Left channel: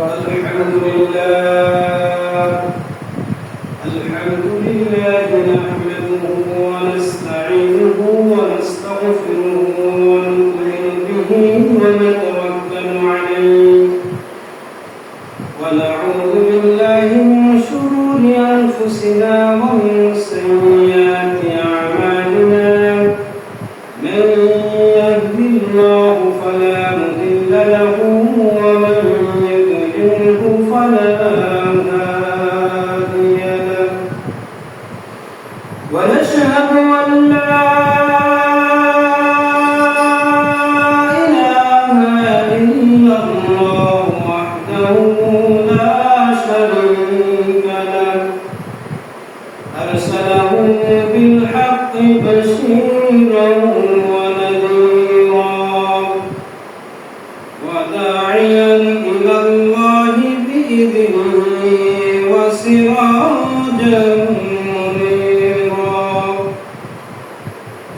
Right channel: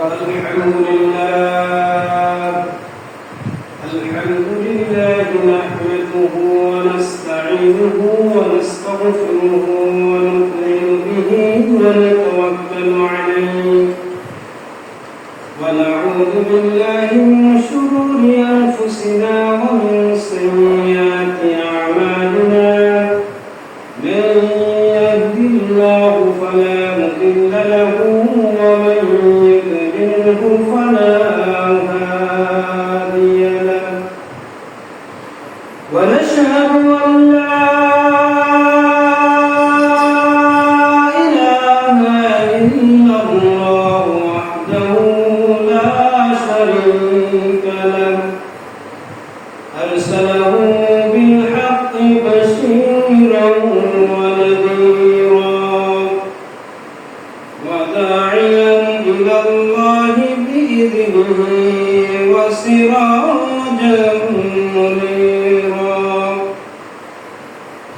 الحمد لله نحمده ونستعينه ونستغفره ونؤمن به ونتوكل عليه ونعوذ بالله من شرور أنفسنا ومن سيئات أعمالنا من يهده الله فلا مضل له ومن يضلله فلا هادي له ونشهد أن لا إله إلا الله وحده لا شريك له أرسله بالحق بشيرا ونذيرا وداعيا إلى الله بإذنه وسراجا منيرا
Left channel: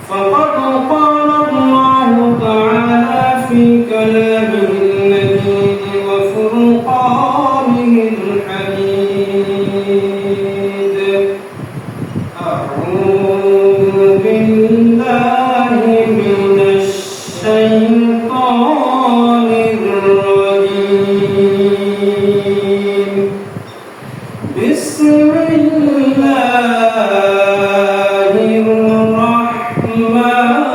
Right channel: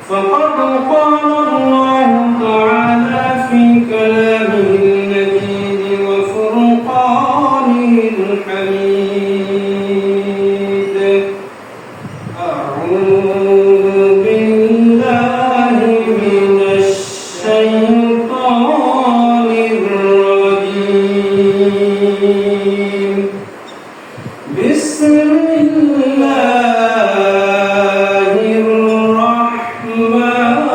فقد قال الله تعالى في كلامه المجيد وفرقانه الحميد أعوذ بالله من الشيطان الرجيم بسم الله الرحمن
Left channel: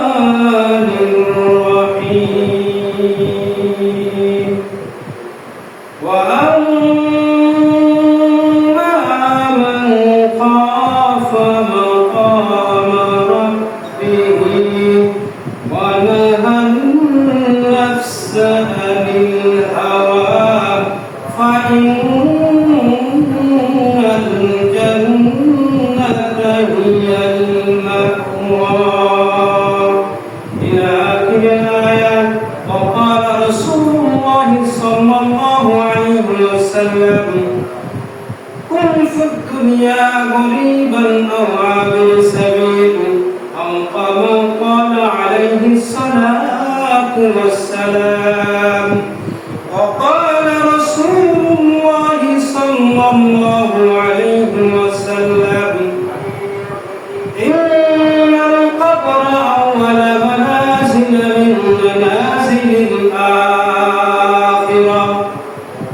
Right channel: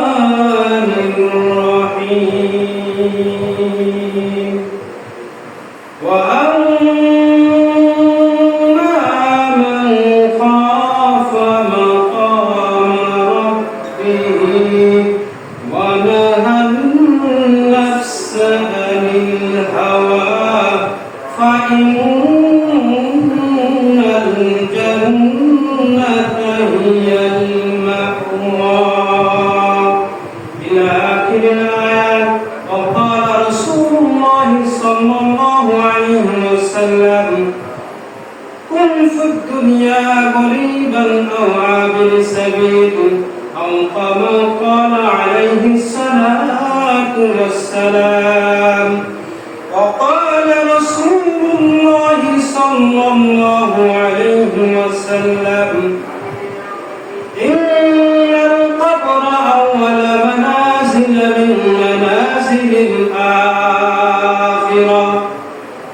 الرحيم وأما من خاف مقام ربه ونهى النفس عن الهوى فإن الجنة هي المأوى إلى آخر الآيات. وقال رسول الله صلى الله عليه وسلم كن في الدنيا غريبا أو عابر سبيل أو كما قال عليه الصلاة والسلام. وقال رسول الله صلى الله عليه وسلم إن القبر أول منازل من منازل الآخرة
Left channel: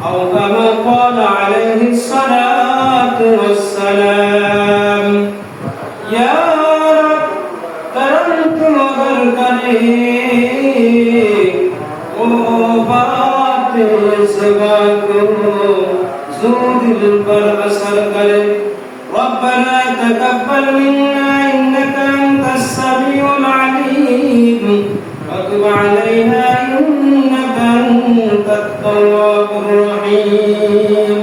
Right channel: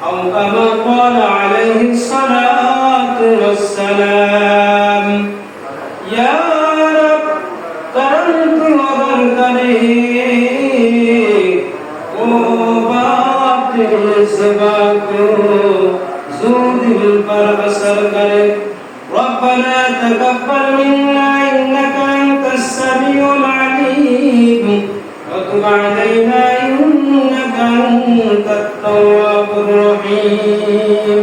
أو كما قال عليه الصلاة والسلام. يا رب كرمت وذكرت باطل سباك زود پر اثر کرے ربنا تقبل منا انك انت السميع العليم وتب علينا انك انت التواب الرحيم.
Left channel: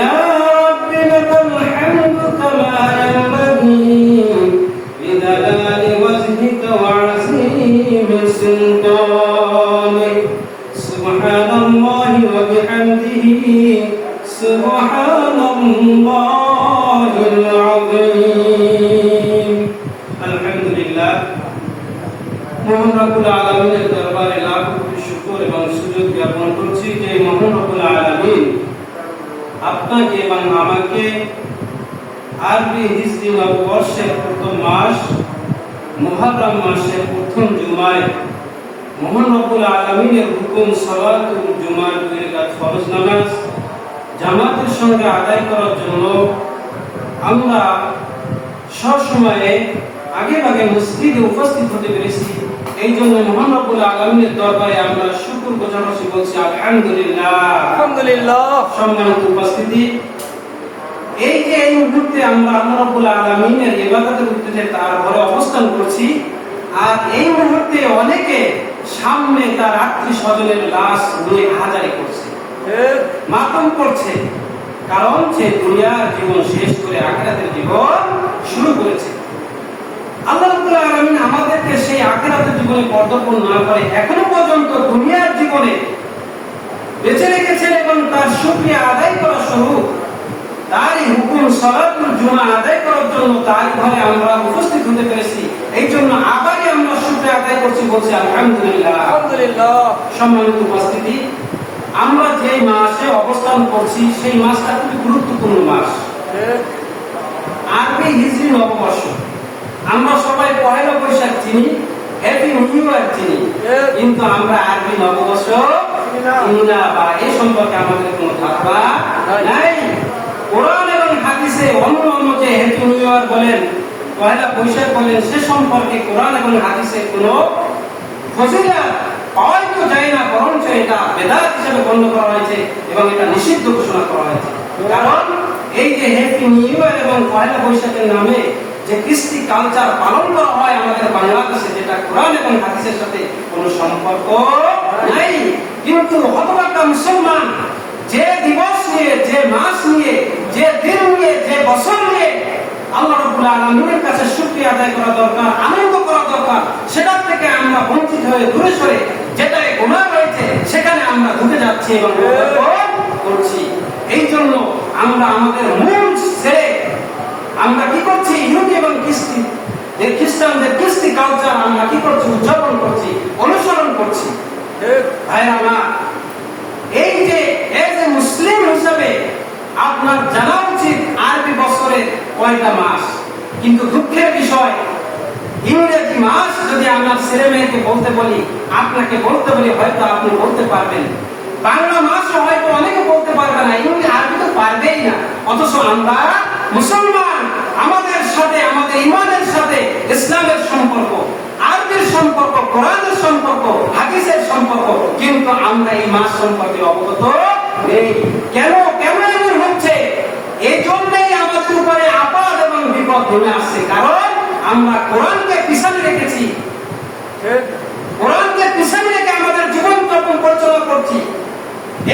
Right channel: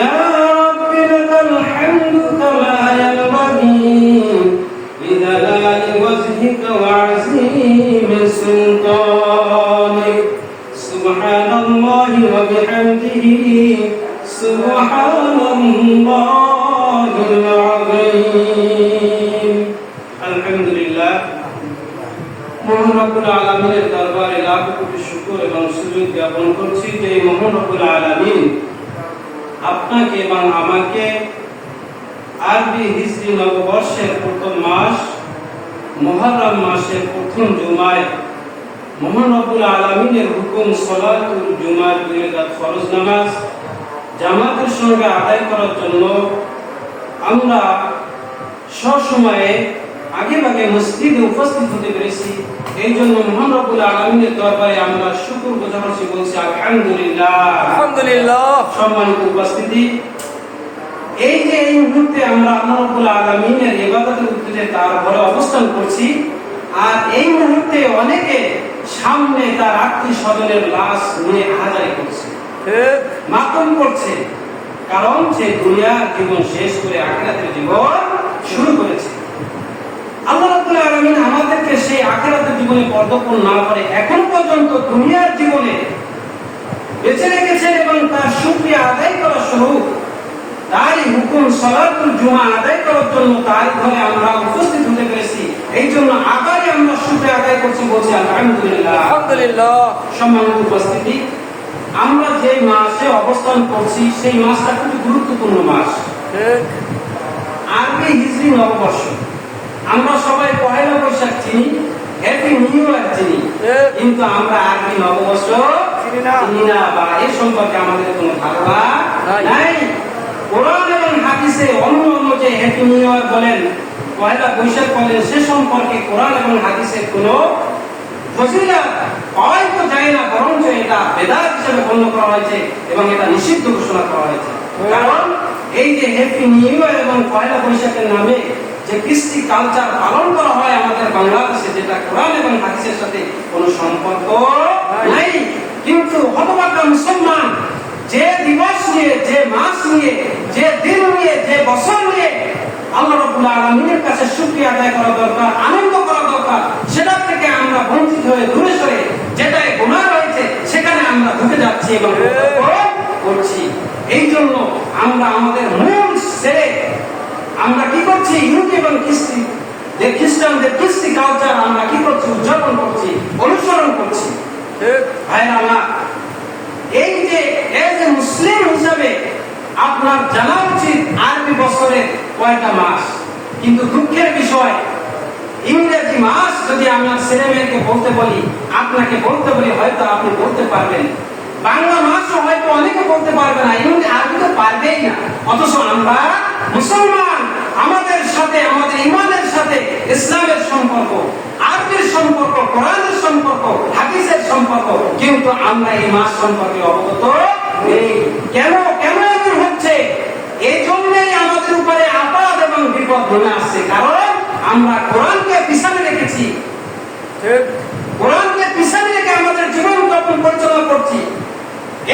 يا رب لك الحمد كما ينبغي لجلال وجهك وعظيم سلطانك. سبحان الله وبحمده سبحان الله العظيم. الحمد لله মহান রব্বুল আলামিনের দরবারে লাখ কোটি শুকর এবং সুজুদ জ্ঞাপন করছি যে মহান রব্বুল আলামিন আপনাকে এবং আমাকে আরবি হিজরি নববর্ষের প্রথম মাস মুহররম মাসের প্রথম জুমায় মহান রব্বুল আলামিনের হুকুম সালাতুল জুমার 2 রাকাত ফরজ নামাজ জামাতের সঙ্গে আদায় করার জন্য আমরা সবসময়ে আগে মসজিদে উপস্থিত হতে পেরেছি। এই জন্য মহান রব্বুল আলামিনের দরবারে আমরা শুকর গুজার হচ্ছি, বলছি আলহামদুলিল্লাহ। আলহামদুলিল্লাহ। সম্মানিত উপস্থিতি, এই যে এই মুহূর্তে আমরা আল্লাহ রাব্বুল আলামিনের ইবাদতের উদ্দেশ্যে তার ঘরে অবস্থান করছি, আর এই মুহূর্তে অনেকে সামনে তার আত্মীয় স্বজনের লাশ নিয়ে হাজারি করছে, মাতম করছে, কারণ সে দুনিয়ার জীবন শেষ করে আখিরাতের জীবন শুরু করেছে। আল্লাহ রাব্বুল আলামিন আমাদেরকে সেই আখিরাতের জীবনে পদার্পণ না করে এখন পর্যন্ত দুনিয়ার জীবনে বেঁচে রেখেছেন এবং তার শুকরিয়া আদায় করার স্বরূপ তারই হুকুম সালাতুল জুমা আদায় করার জন্য তার ঘরে আমরা উপস্থিত হতে পেরেছি। এই জন্য আবারই আমরা শুকরিয়া আদায় করছি, বলছি আলহামদুলিল্লাহ। আলহামদুলিল্লাহ। সম্মানিত উপস্থিতি, আমরা যে মাসে অবস্থান করছি সেই মাসটা খুবই গুরুত্বপূর্ণ মাস, আরবি হিজরি নববর্ষ। আমরা সবাই পহেলা বৈশাখ চিনি, হ্যাপি নিউ ইয়ার চিনি, কিন্তু আমরা আরবি নববর্ষ চিনি না, বা এই সম্পর্কে আমাদের কোনো ধারণা নাই। কোরআন এবং হাদিসে অন্য অন্য যে হ্যাপি নিউ ইয়ার বলেন, পহেলা বৈশাখ বলেন, সে সম্পর্কে কোরআন এবং হাদিসে কোনো ফজিলত হয়তো যায় না, বরঞ্চ এটা বেদাত হিসেবে গণ্য করা হয়েছে এবং এটা নিষিদ্ধ ঘোষণা করা হয়েছে। কারণ এই যে হ্যাপি নিউ ইয়ার এবং পহেলা বৈশাখের নামে যে কৃষ্টি কালচার পালন করা হয় আমাদের বাংলাদেশে, যেটা কোরআন এবং হাদিসের সাথে কোনো সম্পর্ক নাই। কিন্তু হতভাগ্য মুসলমান যে দিবস নিয়ে, যে মাস নিয়ে, যে দিন নিয়ে, যে বছর নিয়ে আল্লাহ রাব্বুল আলামিনের কাছে শুকরিয়া আদায় করা দরকার, আনন্দ করা দরকার, সেটা থেকে আমরা বঞ্চিত হয়ে দূরে সরে যেটাই গুনাহ রয়েছে সেখানে আমরা ঢুকে যাচ্ছি এবং করছি। এই জন্য আমরা আমাদের মূল ছেড়ে আমরা কি করছি, ইহুদি এবং খ্রিস্টানদের কৃষ্টি কালচার আমরা কি করছি, উদযাপন করছি, অনুসরণ করছি। ভাইরা আমার, এই যে মুসলিম হিসাবে আপনার জানা উচিত আরবি বছরের কয়টা মাস, কিন্তু দুঃখের বিষয় ইংরেজি মাস যদি আপনার ছেলে মেয়েকে বলতে বলি, আপনাকে বলতে বলি, হয়তো আপনি বলতে পারবেন। বাংলা মাসও হয়তো অনেকে বলতে পারবে না, ইংরেজি আরবি তো পারবেই না। অথচ আমরা মুসলমান, আমাদের সাথে, আমাদের ইমানের সাথে ইসলামের সম্পর্ক, আরবির সম্পর্ক, কোরআনের সম্পর্ক, হাদিসের সম্পর্ক, কিন্তু আমরা এই মাস সম্পর্কে অবগত নেই। কেন এমন হচ্ছে? এই জন্যই আমাদের উপরে আপদ এবং বিপদ নেমে আসছে। কারণ আমরা কোরআনকে পিছনে রেখেছি, কোরআনকে পিছনে রেখে আমাদের জীবন যাপন পরিচালনা করছি।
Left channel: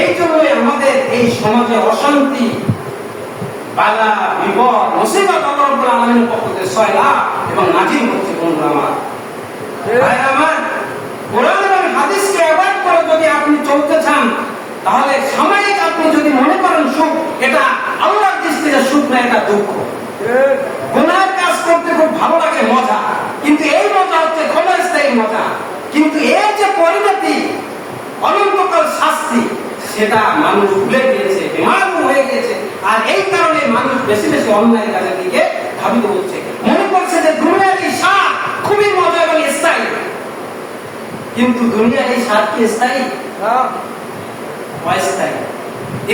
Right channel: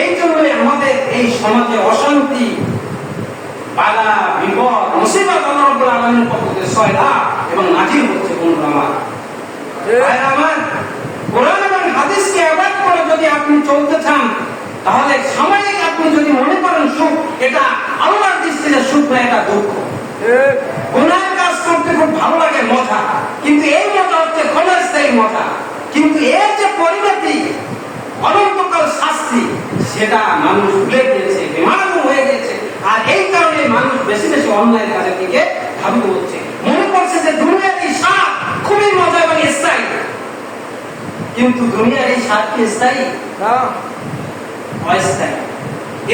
এই জন্যই আমাদের এই সমাজে অশান্তি, বাধা, বিপদ, মুসিবত আল্লাহ রাব্বুল আলামিনের পক্ষ থেকে সয়লা এবং নাজিল হচ্ছে। বন্ধুরা আমার, কোরআন এবং হাদিসকে অ্যাভয়েড করে যদি আপনি চলতে চান, তাহলে সাময়িক আপনি যদি মনে করেন সুখ, এটা আল্লাহর দৃষ্টিতে সুখ না, এটা দুঃখ। গুনাহের কাজ করতে খুব ভালো লাগে, মজা, কিন্তু এই মজা হচ্ছে ক্ষণস্থায়ী মজা। কিন্তু এর যে পরিণতি, অনন্তকাল শাস্তি, সেটা মানুষ ভুলে গিয়েছে, বেমালুম হয়ে গেছে। আর এই কারণে মানুষ বেশি বেশি অন্যায় কাজের দিকে ধাবিত হচ্ছে। মনে করছে যে দুনিয়ার এই স্বাদ খুবই মজা এবং স্থায়ী, কিন্তু দুনিয়ার এই স্বাদ কি স্থায়ী? অস্থায়ী।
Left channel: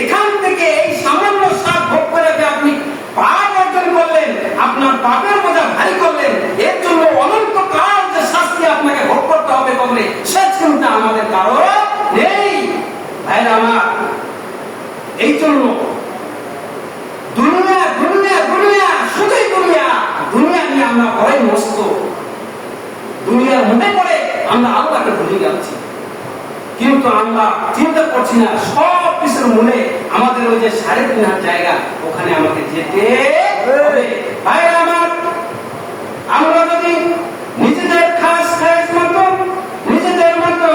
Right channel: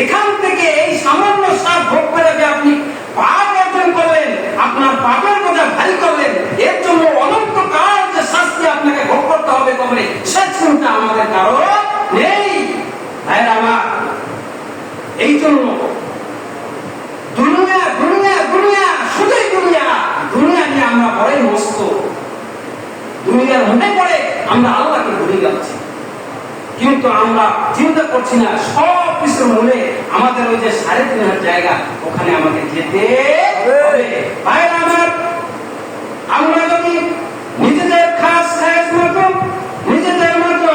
এখান থেকে এই সামান্য স্বাদ ভোগ করে যে আপনি পাপ অর্জন করলেন, আপনার পাপের বোঝা ভারী করলেন, এর জন্য অনন্তকাল যে শাস্তি আপনাকে ভোগ করতে হবে কবরে, সে চিন্তা আমাদের কারো নেই। ভাইরা আমার, এই জন্য দুনিয়া দুনিয়া দুনিয়া, শুধুই দুনিয়া, দুনিয়া নিয়ে আমরা ভয়ে মস্ত, দুনিয়ার মধ্যে পড়ে আমরা আল্লাহকে ভুলে যাচ্ছি। কিন্তু আমরা চিন্তা করছি না সব কিছুর মূলে আমাদের ওই যে 3.5 জায়গা, ওখানে আমাকে যেতে হবে। ভাইরা আমার, আমরা যদি নিজেদের খাস মতো, নিজেদের মতো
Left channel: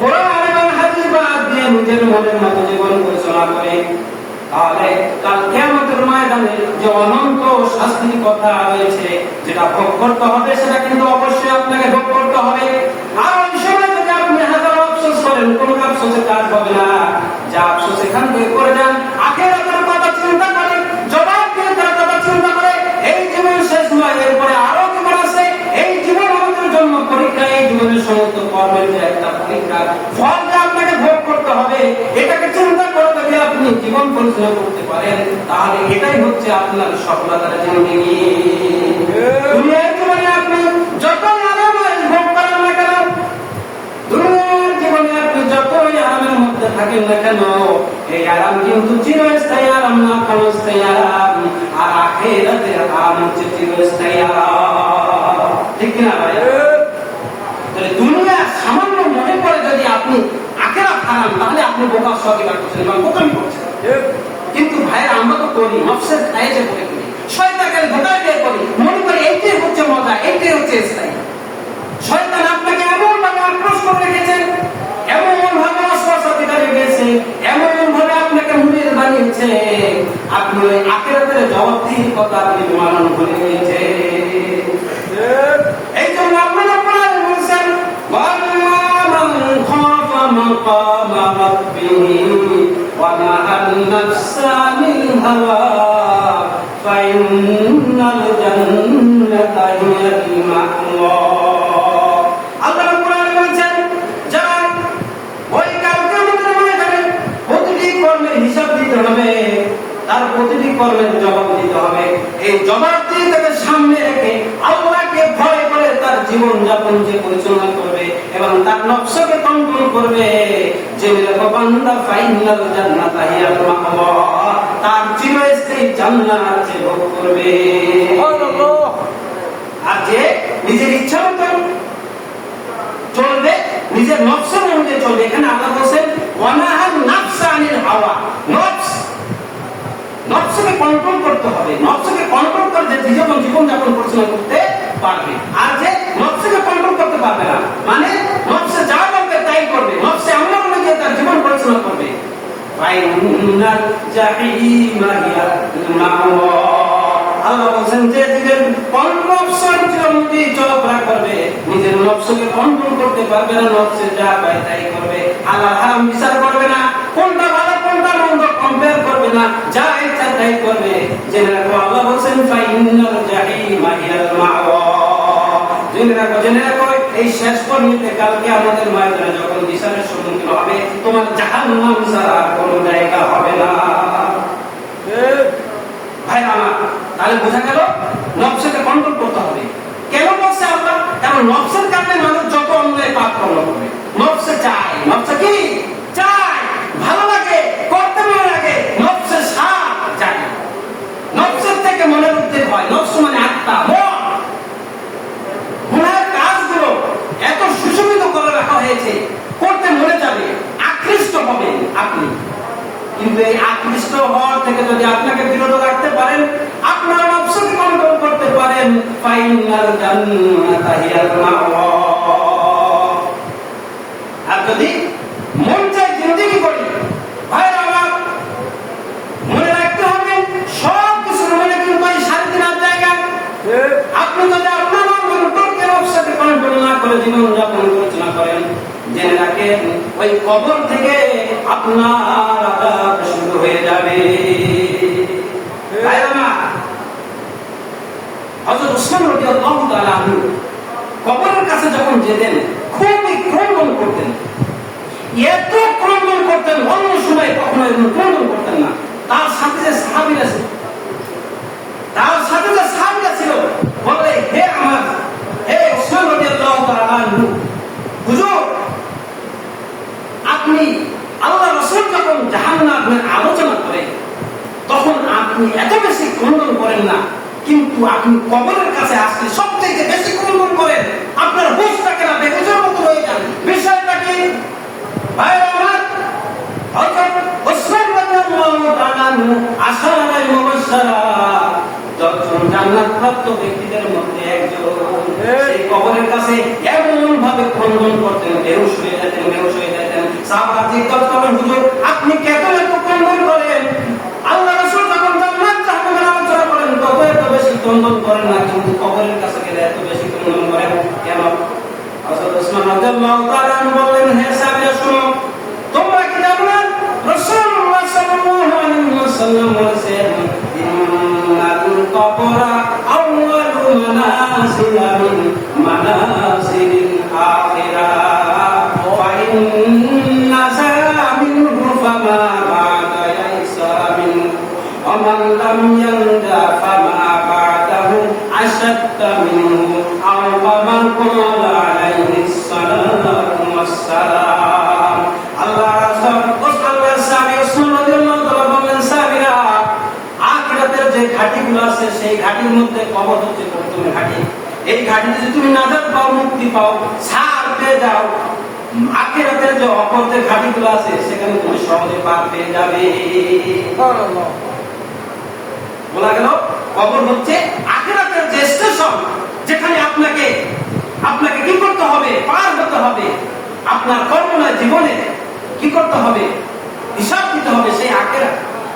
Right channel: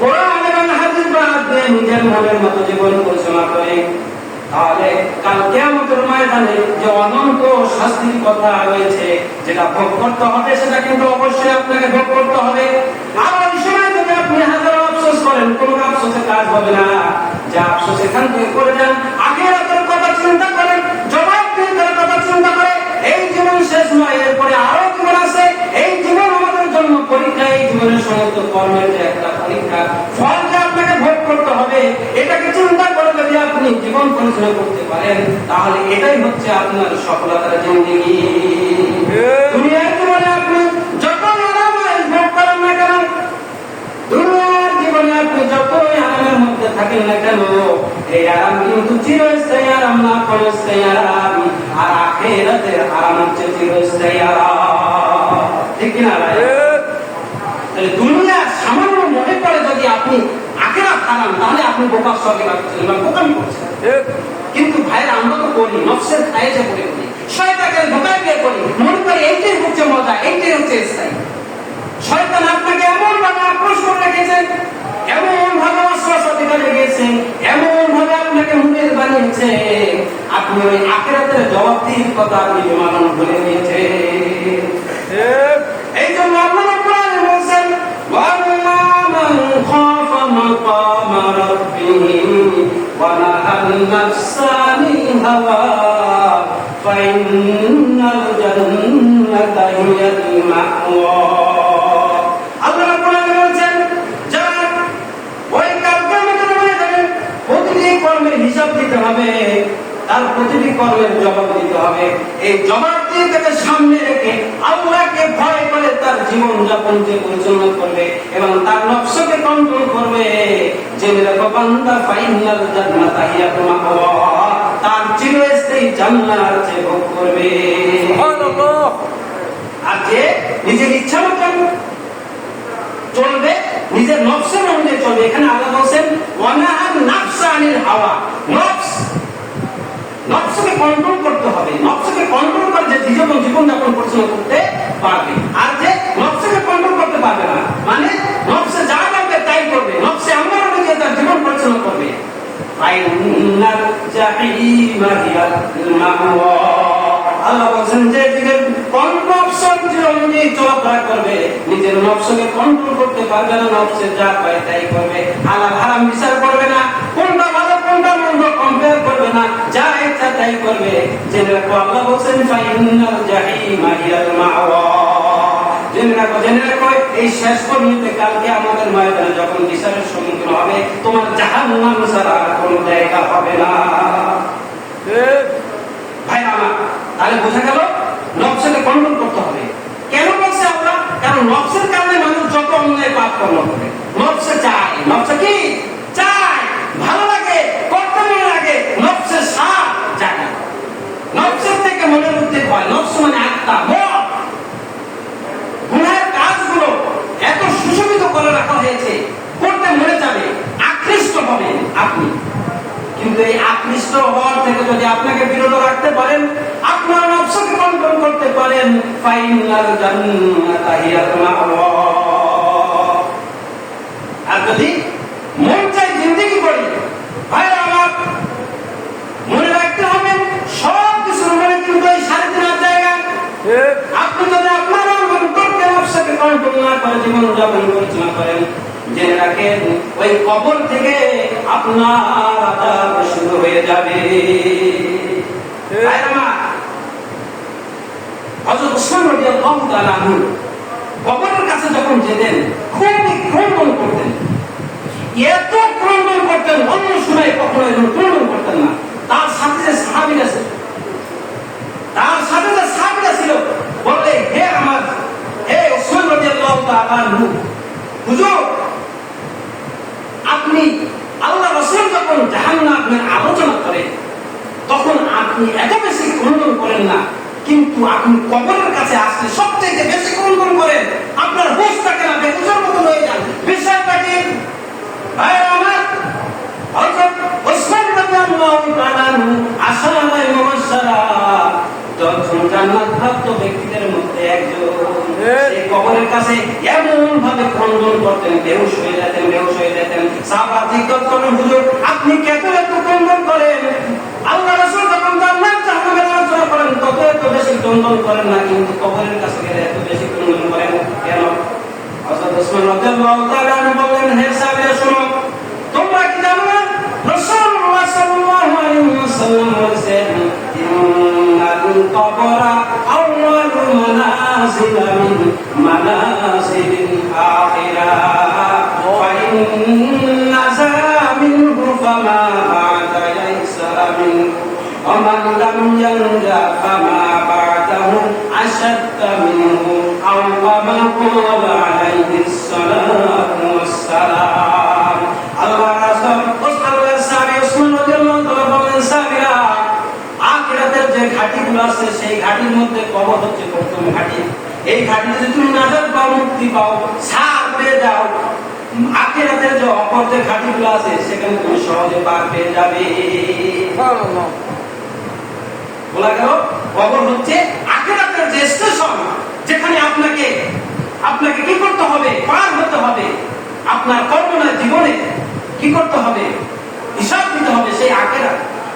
কোরআন এবং হাদিস বাদ দিয়ে নিজের মনের মতো জীবন পরিচালনা করে, তাহলে কাল কিয়ামতের ময়দানে যে অনন্ত শাস্তির কথা রয়েছে, যেটা ভোগ করতে হবে, সেটা কিন্তু অবশ্যই আপনাকে ভোগ করতে হবে। আর ওই সময় যদি আপনি হাজার আফসোস করেন, কোন আফসোসের কাজ হবে না। যা আফসোস এখান থেকে করে যান, আখিরাতের কথা চিন্তা করেন, জবাব দিনের কথা চিন্তা করে, এই জীবন শেষ নয়, এরপরে আরো জীবন আছে। এই জীবন আমাদের জন্য পরীক্ষা, এই জীবনের সমস্ত কর্মের যে একটা পরীক্ষা, ফলটা আপনাকে ভোগ করতে হবে। এটাকে চিন্তা করে যদি আপনি জীবন পরিচালনা করতে পারেন, তাহলে এটাই হচ্ছে আপনার সফলতার জিন্দেগি। দুনিয়ার জীবনে আপনি যতই আরাম ভোগ করেন না কেন, দুনিয়ার জীবনে আপনি যতই আরামের মধ্যে থাকেন না কেন, এই আরাম কিন্তু চিরস্থায়ী আরাম না, ক্ষণস্থায়ী আরাম। আর আখিরাতের আরাম হচ্ছে চিরস্থায়ী আরাম। ঠিক কিনা ভাই? তাহলে দুনিয়ার সামান্য মনে করে যদি আপনি আখিরাত হারান, তাহলে আপনি বোকার সবই করছেন এবং বোকামি করছেন। কিন্তু ভাইরা, আমরা তো করি, নফসের খায়েতে পড়ে করি, শয়তানকে ধোঁকা দিয়ে করি, মনে করি এইটাই হচ্ছে মজা, এইটাই হচ্ছে স্থায়ী। শয়তান আপনাকে এমন ভাবে আক্রোশ করে রেখেছেন, এমন ভাবে অস্ত্র দিকে লেগেছে, এমন ভাবে আপনাকে মুখের বানিয়েছে, আপনি ওই আখিরাতের জবাবদিহির কথা আপনি বিমানন করে নিয়েছে। এই জন্য আপনারা প্রায় বলছেন, ওয়াল্লাহ মান খাফা মাকামা রাব্বি ওয়া নাহান নাফসা আনিল হাওয়া ফাইন্নাল জান্নাতা হিয়াল মা'ওয়া। আল্লাহ রাব্বুল আলামিন বলেন, যারা ওই কালকে প্রতিটি কর্মের হিসাব দিতে হবে, তার প্রতিটি কর্মের জবাব দিতে হবে। এই জবাব দিয়ে তাকে সামনে রেখে আল্লাহকে ভয় করে তার জীবন যাপন যে পরিচালনা করবে এবং তার নফসকে কন্ট্রোল করবে, জেনে রাখো বান্দা ফাইনাল জান্নাত হিয়াল মা'ওয়া, তার চিরস্থায়ী জান্নাত সে ভোগ করবে। সুবহানাল্লাহ। আর যে নিজের ইচ্ছা মতো চলবে, নিজের নফসের অনুযায়ী চলবে, এখানে আল্লাহ বলেন ওয়া নাহান নাফসা আনিল হাওয়া, নফসকে কন্ট্রোল করতে হবে। নফসকে কন্ট্রোল করে যে জীবন যাপন পরিচালনা করতে পারবে। আর যে নফসকে কন্ট্রোল করতে পারবে না, মানে নফসে যা লাগবে তাই করবে, নফসে এমন অনুযায়ী তার জীবন পরিচালনা করবে, ফাইনাল জাহিমা হিয়াল মা'ওয়া। আল্লাহ বলেন যে জীবের নফসের অনুযায়ী চলাফেরা করবে, নিজের নফসকে কন্ট্রোল করতে পারবে না, নফসে যা পায় তাই করবে, হালাল হারাম বিচার করবে না, কোনটা ভালো কোনটা মন্দ কম্পেয়ার করবে না, যা ইচ্ছা তাই করবে। জেনে রাখো আল্লাহ বলেন ফাইনাল জাহিমা হিয়াল মা'ওয়া। জেনে রাখো এই শেষ পর্যন্ত কালকে আমাদের ময়দানে যখন বিচারের সম্মুখীন হবে, তোমার জাহান্নাম ছাড়া কোনো জায়গা হবে না। ভাই আমার, তাহলে বোঝা গেল নফসকে কন্ট্রোল করতে হবে। কেন বলছে আল্লাহ? কারণ নফসের কারণে মানুষ যত অন্যায় পাপ কর্ম করবে। নফসে চায়, নফসে কি চায়? ভালো লাগে, করতে মনে লাগে, নফসের স্বাদ চায়। নফসের থেকে মনের উদ্বেগ হয়। নফস মানে আত্মা, মন। গুনাহের কাজগুলো এত সুশোভিত করে রাখা হয়েছে, করতে মনে যাবে, আকৃষ্ট হবে আপনি। কিন্তু এই আকৃষ্ট হওয়ার থেকে যদি আপনাকে বিরত রাখতে পারেন, আপনার নফসকে কন্ট্রোল করতে পারেন, ফাইনাল জান্নাতা হিয়াল মা'ওয়া। আর যদি মন চাই জিন্দেগি করি, ভাইরা আমার, মনে রাখতে হবে সব কিছুর মানে কিন্তু এই 3.5 জায়গা। আপনি যদি আপনার নফসকে কন্ট্রোল না করে জীবন যাপন পরিচালনা করেন, জেনে রাখেন ওই কবর থেকে আপনার আযাব শুরু হয়ে যাবে। হযরত উসমান রাদিয়াল্লাহু তাআলা আনহু কবরের কাছে যখন যেতেন খুবই ক্রন্দন করতেন, এত ক্রন্দন করতেন, অন্য সময় কখনো এরকম ক্রন্দন করতেন না। তার সাথে যে সাহাবীরা ছিল বললে, হে উসমান রাদিয়াল্লাহু তাআলা আনহু, হুজুর আপনি আল্লাহ রাসূল যখন জাহান্নামের আলোচনা করেন তখন আপনি এত বেশি ক্রন্দন করেন না, কিন্তু আপনি কবরের কাছে আসলে সবচেয়ে বেশি ক্রন্দন করেন। আপনার হুঁশ থাকে না, বেহুশের মতো হয়ে যান। বিষয়টা কি ভাই আমার? হযরত উসমান রাদিয়াল্লাহু তাআলা আনহু আশারায়ে মুবাশশারা 10 জন জান্নাতপ্রাপ্ত ব্যক্তিদের মধ্যে একজন। সেই কবরের কাছে এমন ভাবে ক্রন্দন করতেন, বেহুশ হয়ে যেতেন। সাহাবারা জিজ্ঞাসা করলেন, হুজুর আপনি কেন এত ক্রন্দন করেন? আল্লাহ রাসূল যখন জান্নাত জাহান্নামের আলোচনা করেন তত এত বেশি ক্রন্দন করেন না, কিন্তু কবরের কাছে গেলে এত বেশি ক্রন্দন করেন কেন? হযরত উসমান রাদিয়াল্লাহু তাআলা আনহু বললেন, হে সাহাবীরা শোনো, তোমরা কি জানো না রাসূলুল্লাহ সাল্লাল্লাহু আলাইহি ওয়াসাল্লাম বলেছেন, ইন্নাল কবরা আউয়ালু মানাজিলা মিন মানাজিলিল আখিরাহ ওয়া ইন্না যামিনহু ফামা বা'দা লাইসা মিনহু ওয়া মান লাম ইয়ানজা ফামা বা'দাহু আশাদ্দা মিনহু আও মা ক্বালা আলাইহিস সালাতু ওয়াস সালাম। আল্লাহ রাসূল আখিরাতের যে ঘাটিগুলো আছে সেই ঘাটির মধ্যে কবর হচ্ছে প্রথম ঘাটি। এই ঘাটিতে যদি তুমি নাজাত পাও, মুক্তি পাও, ছাড় পেয়ে যাও, আখিরাতের যে অপর যে ঘাটিগুলো আছে সেখানে তুমি সহজে পার পেয়ে যাবে। বলা গেল কবর হচ্ছে আখিরাতের যে স্টেশন, যেখানে আপনাকে কি করতে হবে? পার হতে হবে। আপনার কল্পনার জীবনে কি করতে হবে? হিসাব দিতে হবে। সেই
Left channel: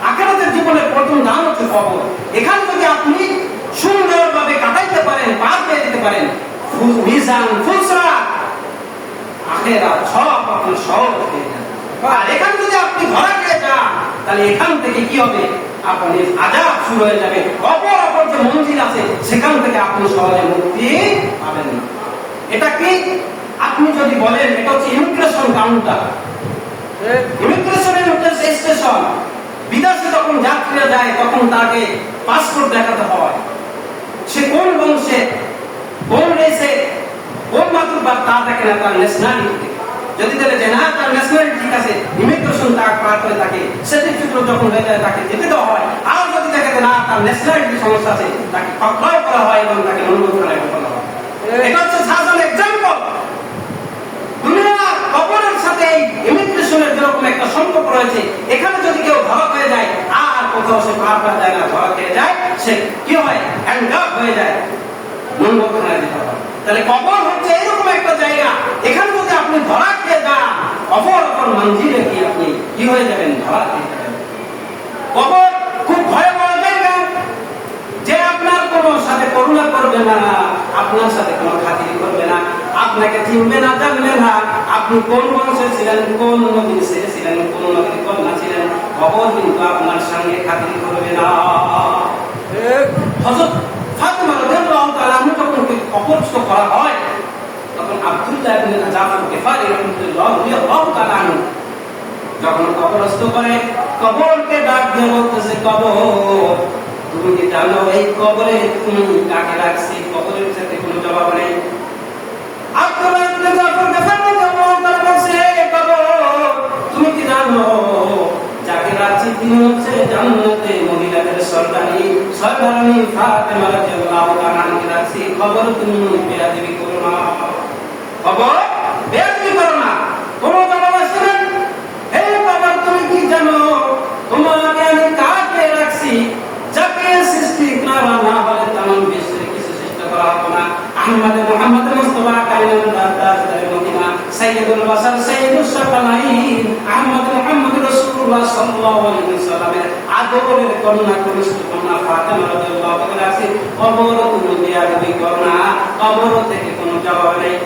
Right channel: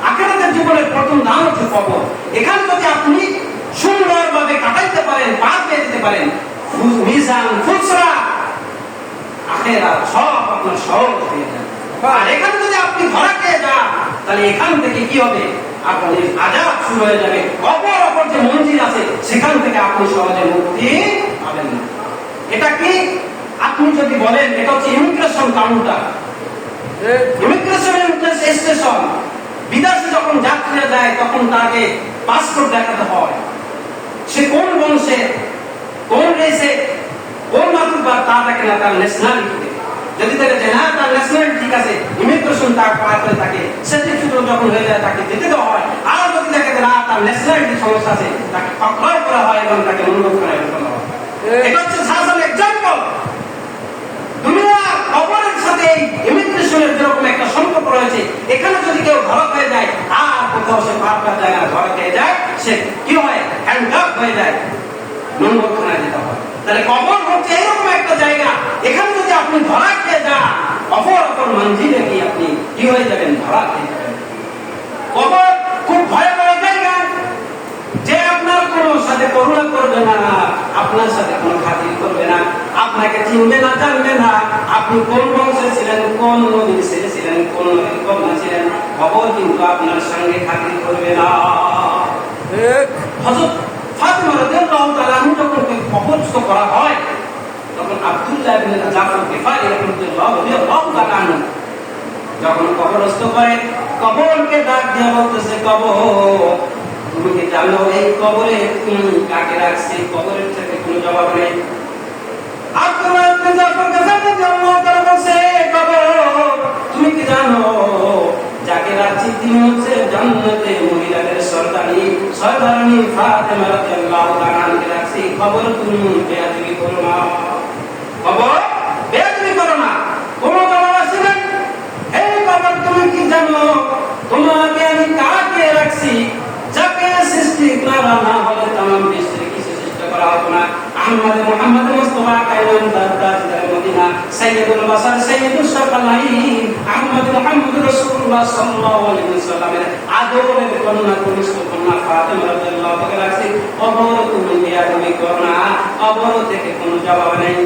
আখিরাতের জীবনের প্রথম নাম হচ্ছে কবর। এখানে যদি আপনি সুন্দরভাবে কাটাইতে পারেন, পার পেয়ে যেতে পারেন, মিজান ফুলসরা আখিরাত সব আপনার সহজ হয়ে যাবে। আর এখানে যদি আপনি ধরা খেয়ে যান তাহলে এখান থেকে কি হবে, আপনার আযাব শুরু হয়ে যাবে। অপর যে মঞ্জিল আছে সেখান থেকে আপনি সহজে মুক্তি পাবেন না। এটা কি আপনি যদি বলেন এটা হচ্ছে ইমিগ্রেশন কাউন্টার, ইমিগ্রেশন স্টেশন। বিদেশে যখন যাত্রীরা যায় তখন তাকে পাসপোর্ট দেখাতে হয়, সে কোন বংশে, কোন দেশে, কোন মাতৃভাষা তা দেখে না, তার ন্যাশনালিটি। যদি দেখে যে না তার ন্যাশনালিটি ঠিক আছে, ইমিগ্রেশন তার পার করে থাকে, সার্টিফিকেট যখন হয়ে যায় তাকে যেতে দেওয়া হয়। আর যদি দেখে যে না তার ন্যাশনালিটি সমস্যা আছে, তাকে পাকড়াও করা হয় এবং তাকে অনুরোধ করা হয়। এটা হচ্ছে সাধারণ এক্সাম্পল। দুনিয়ার কবরের সাথে ইমিগ্রেশনের যেরকম একটা সম্পর্ক রয়েছে, এখানে যদি কেউ ধরা হয়ে যায় আর কোথাও সে পার করা যায় না, ধরা খেয়ে যায়, সে কি হয়, হ্যান্ডকাপ হয়ে যায়, মঙ্গলখানায় যেতে হয়। তাহলে কবর হচ্ছে এরকম একটা জায়গা, এখানে যদি আপনি ধরা খেয়ে যান, অপর মঞ্জিলে কি আপনি কি হয়ে যাবেন, ধরা খেয়ে যাবেন। কবর খুব ভয়াবহ জায়গা, যে আপনার কোনো সাথে করুণা করবে না, আপনার সাথে কোনো খাতির করবে না, আপনাকে চিনবে না, জানবে না, আপনি কোন বংশে ছিলেন, কোন নবীর ছেলে ছিলেন, কোন নবীর কন্যা ছিলেন, খবর কিন্তু আপনার সঙ্গে খাতির করবে না। হযরত ফাতিমা রাদিয়াল্লাহু তাআলা যখন কবরস্থ করা হয়, তখন আব্দুল্লাহ ইবনে জাফর গিফারি রাদিয়াল্লাহু তাআলা যখন কবরস্থ করে, কবরকে ডাক দিয়ে বলতেছে, কবর তুমি কি জানো এই কবরে তুমি কাকে রাখছি? কবরের থেকে কোনো জবাব নেই। আব্দুল্লাহ ইবনে জাফর গিফারি রাদিয়াল্লাহু তাআলা বলছে, কবর তুমি কি জানো যাকে রাখছি তিনি হচ্ছে জান্নাতের মহিলাদের সর্দারনী ফাতেমা রাদিয়াল্লাহু তাআলা রাখছি। খবর তুমি বেয়াদবি করো না, খবর বেয়াদবি করো না। কোন জবাব আসছে না। এই খবর তুমি কি জানো তোমাকে আমি কাকে রাখছি? যাকে সৃষ্টি করা না হলে তামাম বিশ্বের কিছু সৃষ্টি করা হবে না। মুহাম্মদ মুস্তাফা কায়নাত দারদার মদিনা সাইয়্যিদুল বাশার সাইয়্যিদুস সাকালাইন মুহাম্মদ রাসূলুল্লাহ সাল্লাল্লাহু আলাইহি ওয়াসাল্লামের আদরের কন্যা কুরুশ কন্যা ফাতেমা রাদিয়াল্লাহু তাআলা আছে। কবর তুমি বেয়াদবি করো না, কবর থেকে কোনো জবাব নেই।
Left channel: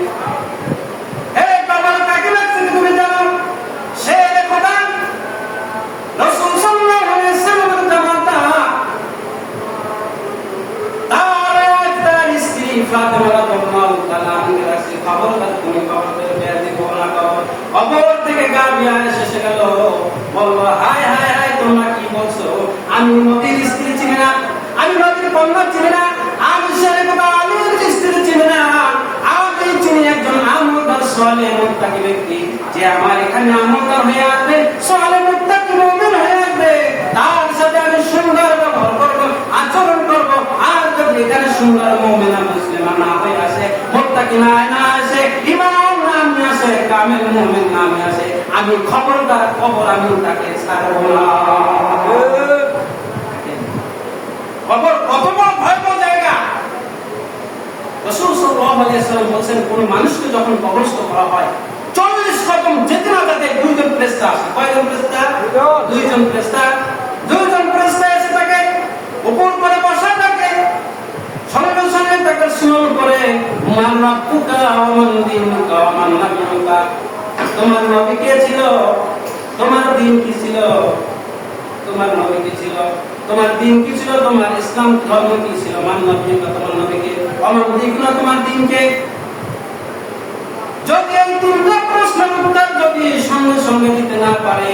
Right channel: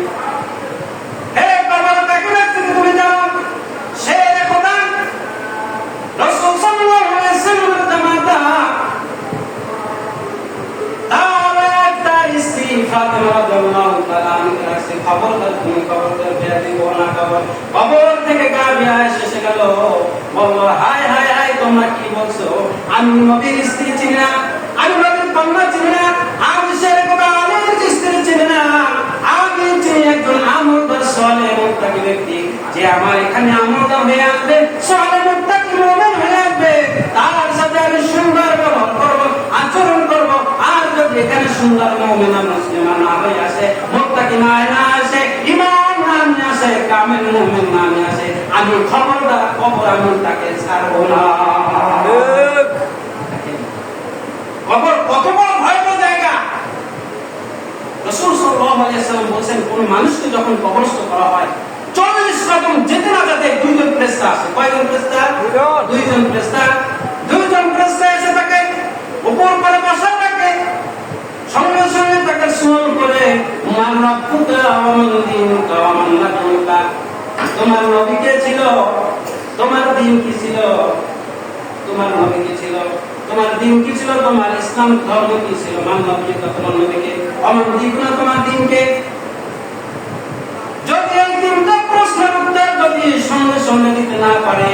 এই কবর কাকে রাখছে তুমি জানো? সে খোদা রাসূল সাল্লাল্লাহু আলাইহি ওয়াসাল্লামের জামাতা, তার একটা স্ত্রী ফাতেমা রাদিয়াল্লাহু তাআলা রাখছে। খবরদার তুমি কবরকে বেয়াদবি করো না। কবর থেকে গা বেয়ে এসে গেল, বলল, হায় হায় হায় তোমরা কি বলছো? আমি নবীর স্ত্রী চিনি না, আমি নবীর কন্যা চিনি না, আমি শেরে খোদা আলীর স্ত্রী চিনি না, আমি চিনি একজন আমলদার সালেহ মুত্তাকি ব্যক্তি, যে আমার এখানে আমলদার হয়ে আসবে, সালেহ মুত্তাকি মুমিন হয়ে আসবে, তার সাথে আমি সুন্দর ব্যবহার করব, আচরণ করব। আর যদি এখানে সুন্দর মুমিন মুসলিমান না হয়ে আসে, মুত্তাকি না আসে, ইমাম না আসে, কামেল মুমিন না আসে, আমি খবরদার কবর আমি তাকে ছাড়ব না। কবর কত বড় ভয়াবহ জায়গা। রাসূল সাল্লাল্লাহু আলাইহি ওয়াসাল্লাম বলেন, কোন মানুষকে যখন কবরস্থ করা হয় 40 রকম যেতে না যেতে দুইজন ফেরেশতা আসে। কয়জন ফেরেশতা? দুইজন ফেরেশতা। দুইজন ফেরেশতা এসে তাকে উপর করে বসা থাকে, সঙ্গে সঙ্গে তাকে স্মরণ করে, মান রাব্বুকা ওয়া মান দীনুকা ওয়া মান নাবিয়ুকা, তোমার নবী কে ছিল, তোমার দিন কি ছিল, তোমার নবী কি ছিল, তোমার দিন কি ছিল, তোমার ইসলাম ধর্ম কি ছিল, মান নবিয়ুকা তোমার নবীকে, আমার দিনা তোমার দিনকে। যদি এই তিনটা প্রশ্নের উত্তর যদি সঙ্গে সঙ্গে দিতে না পারে,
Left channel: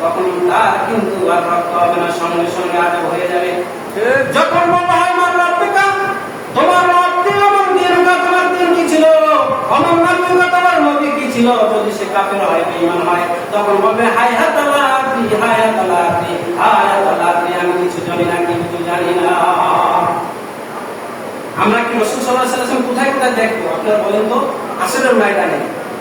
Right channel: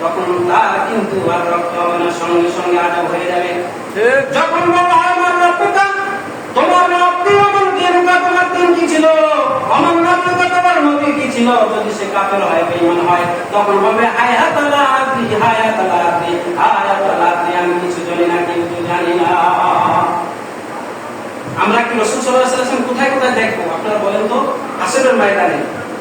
তখন তার কিন্তু আর রক্ত হবে না, সঙ্গে সঙ্গে আজাব হয়ে যাবে। যখন বলা হয় মান রাব্বুকা, তোমার রব্বি আমার দিনকা, তোমার দিন কি ছিল, আমার নবীকা তোমার নবী কি ছিল, যদি সে কাফের হয়, বেঈমান হয়, তখন বলবে হায়াত আল্লাহি, হায়াত আল্লাহি, হায়াত আল্লাহি, আমি কিছু জানি না, কিন্তু জানি না। আমরা কি রাসূল সাল্লাল্লাহু আলাইহি ওয়াসাল্লাম কোথায় কোথায় দেখবো আপনারা বলেন তো? আসরের ময়দানে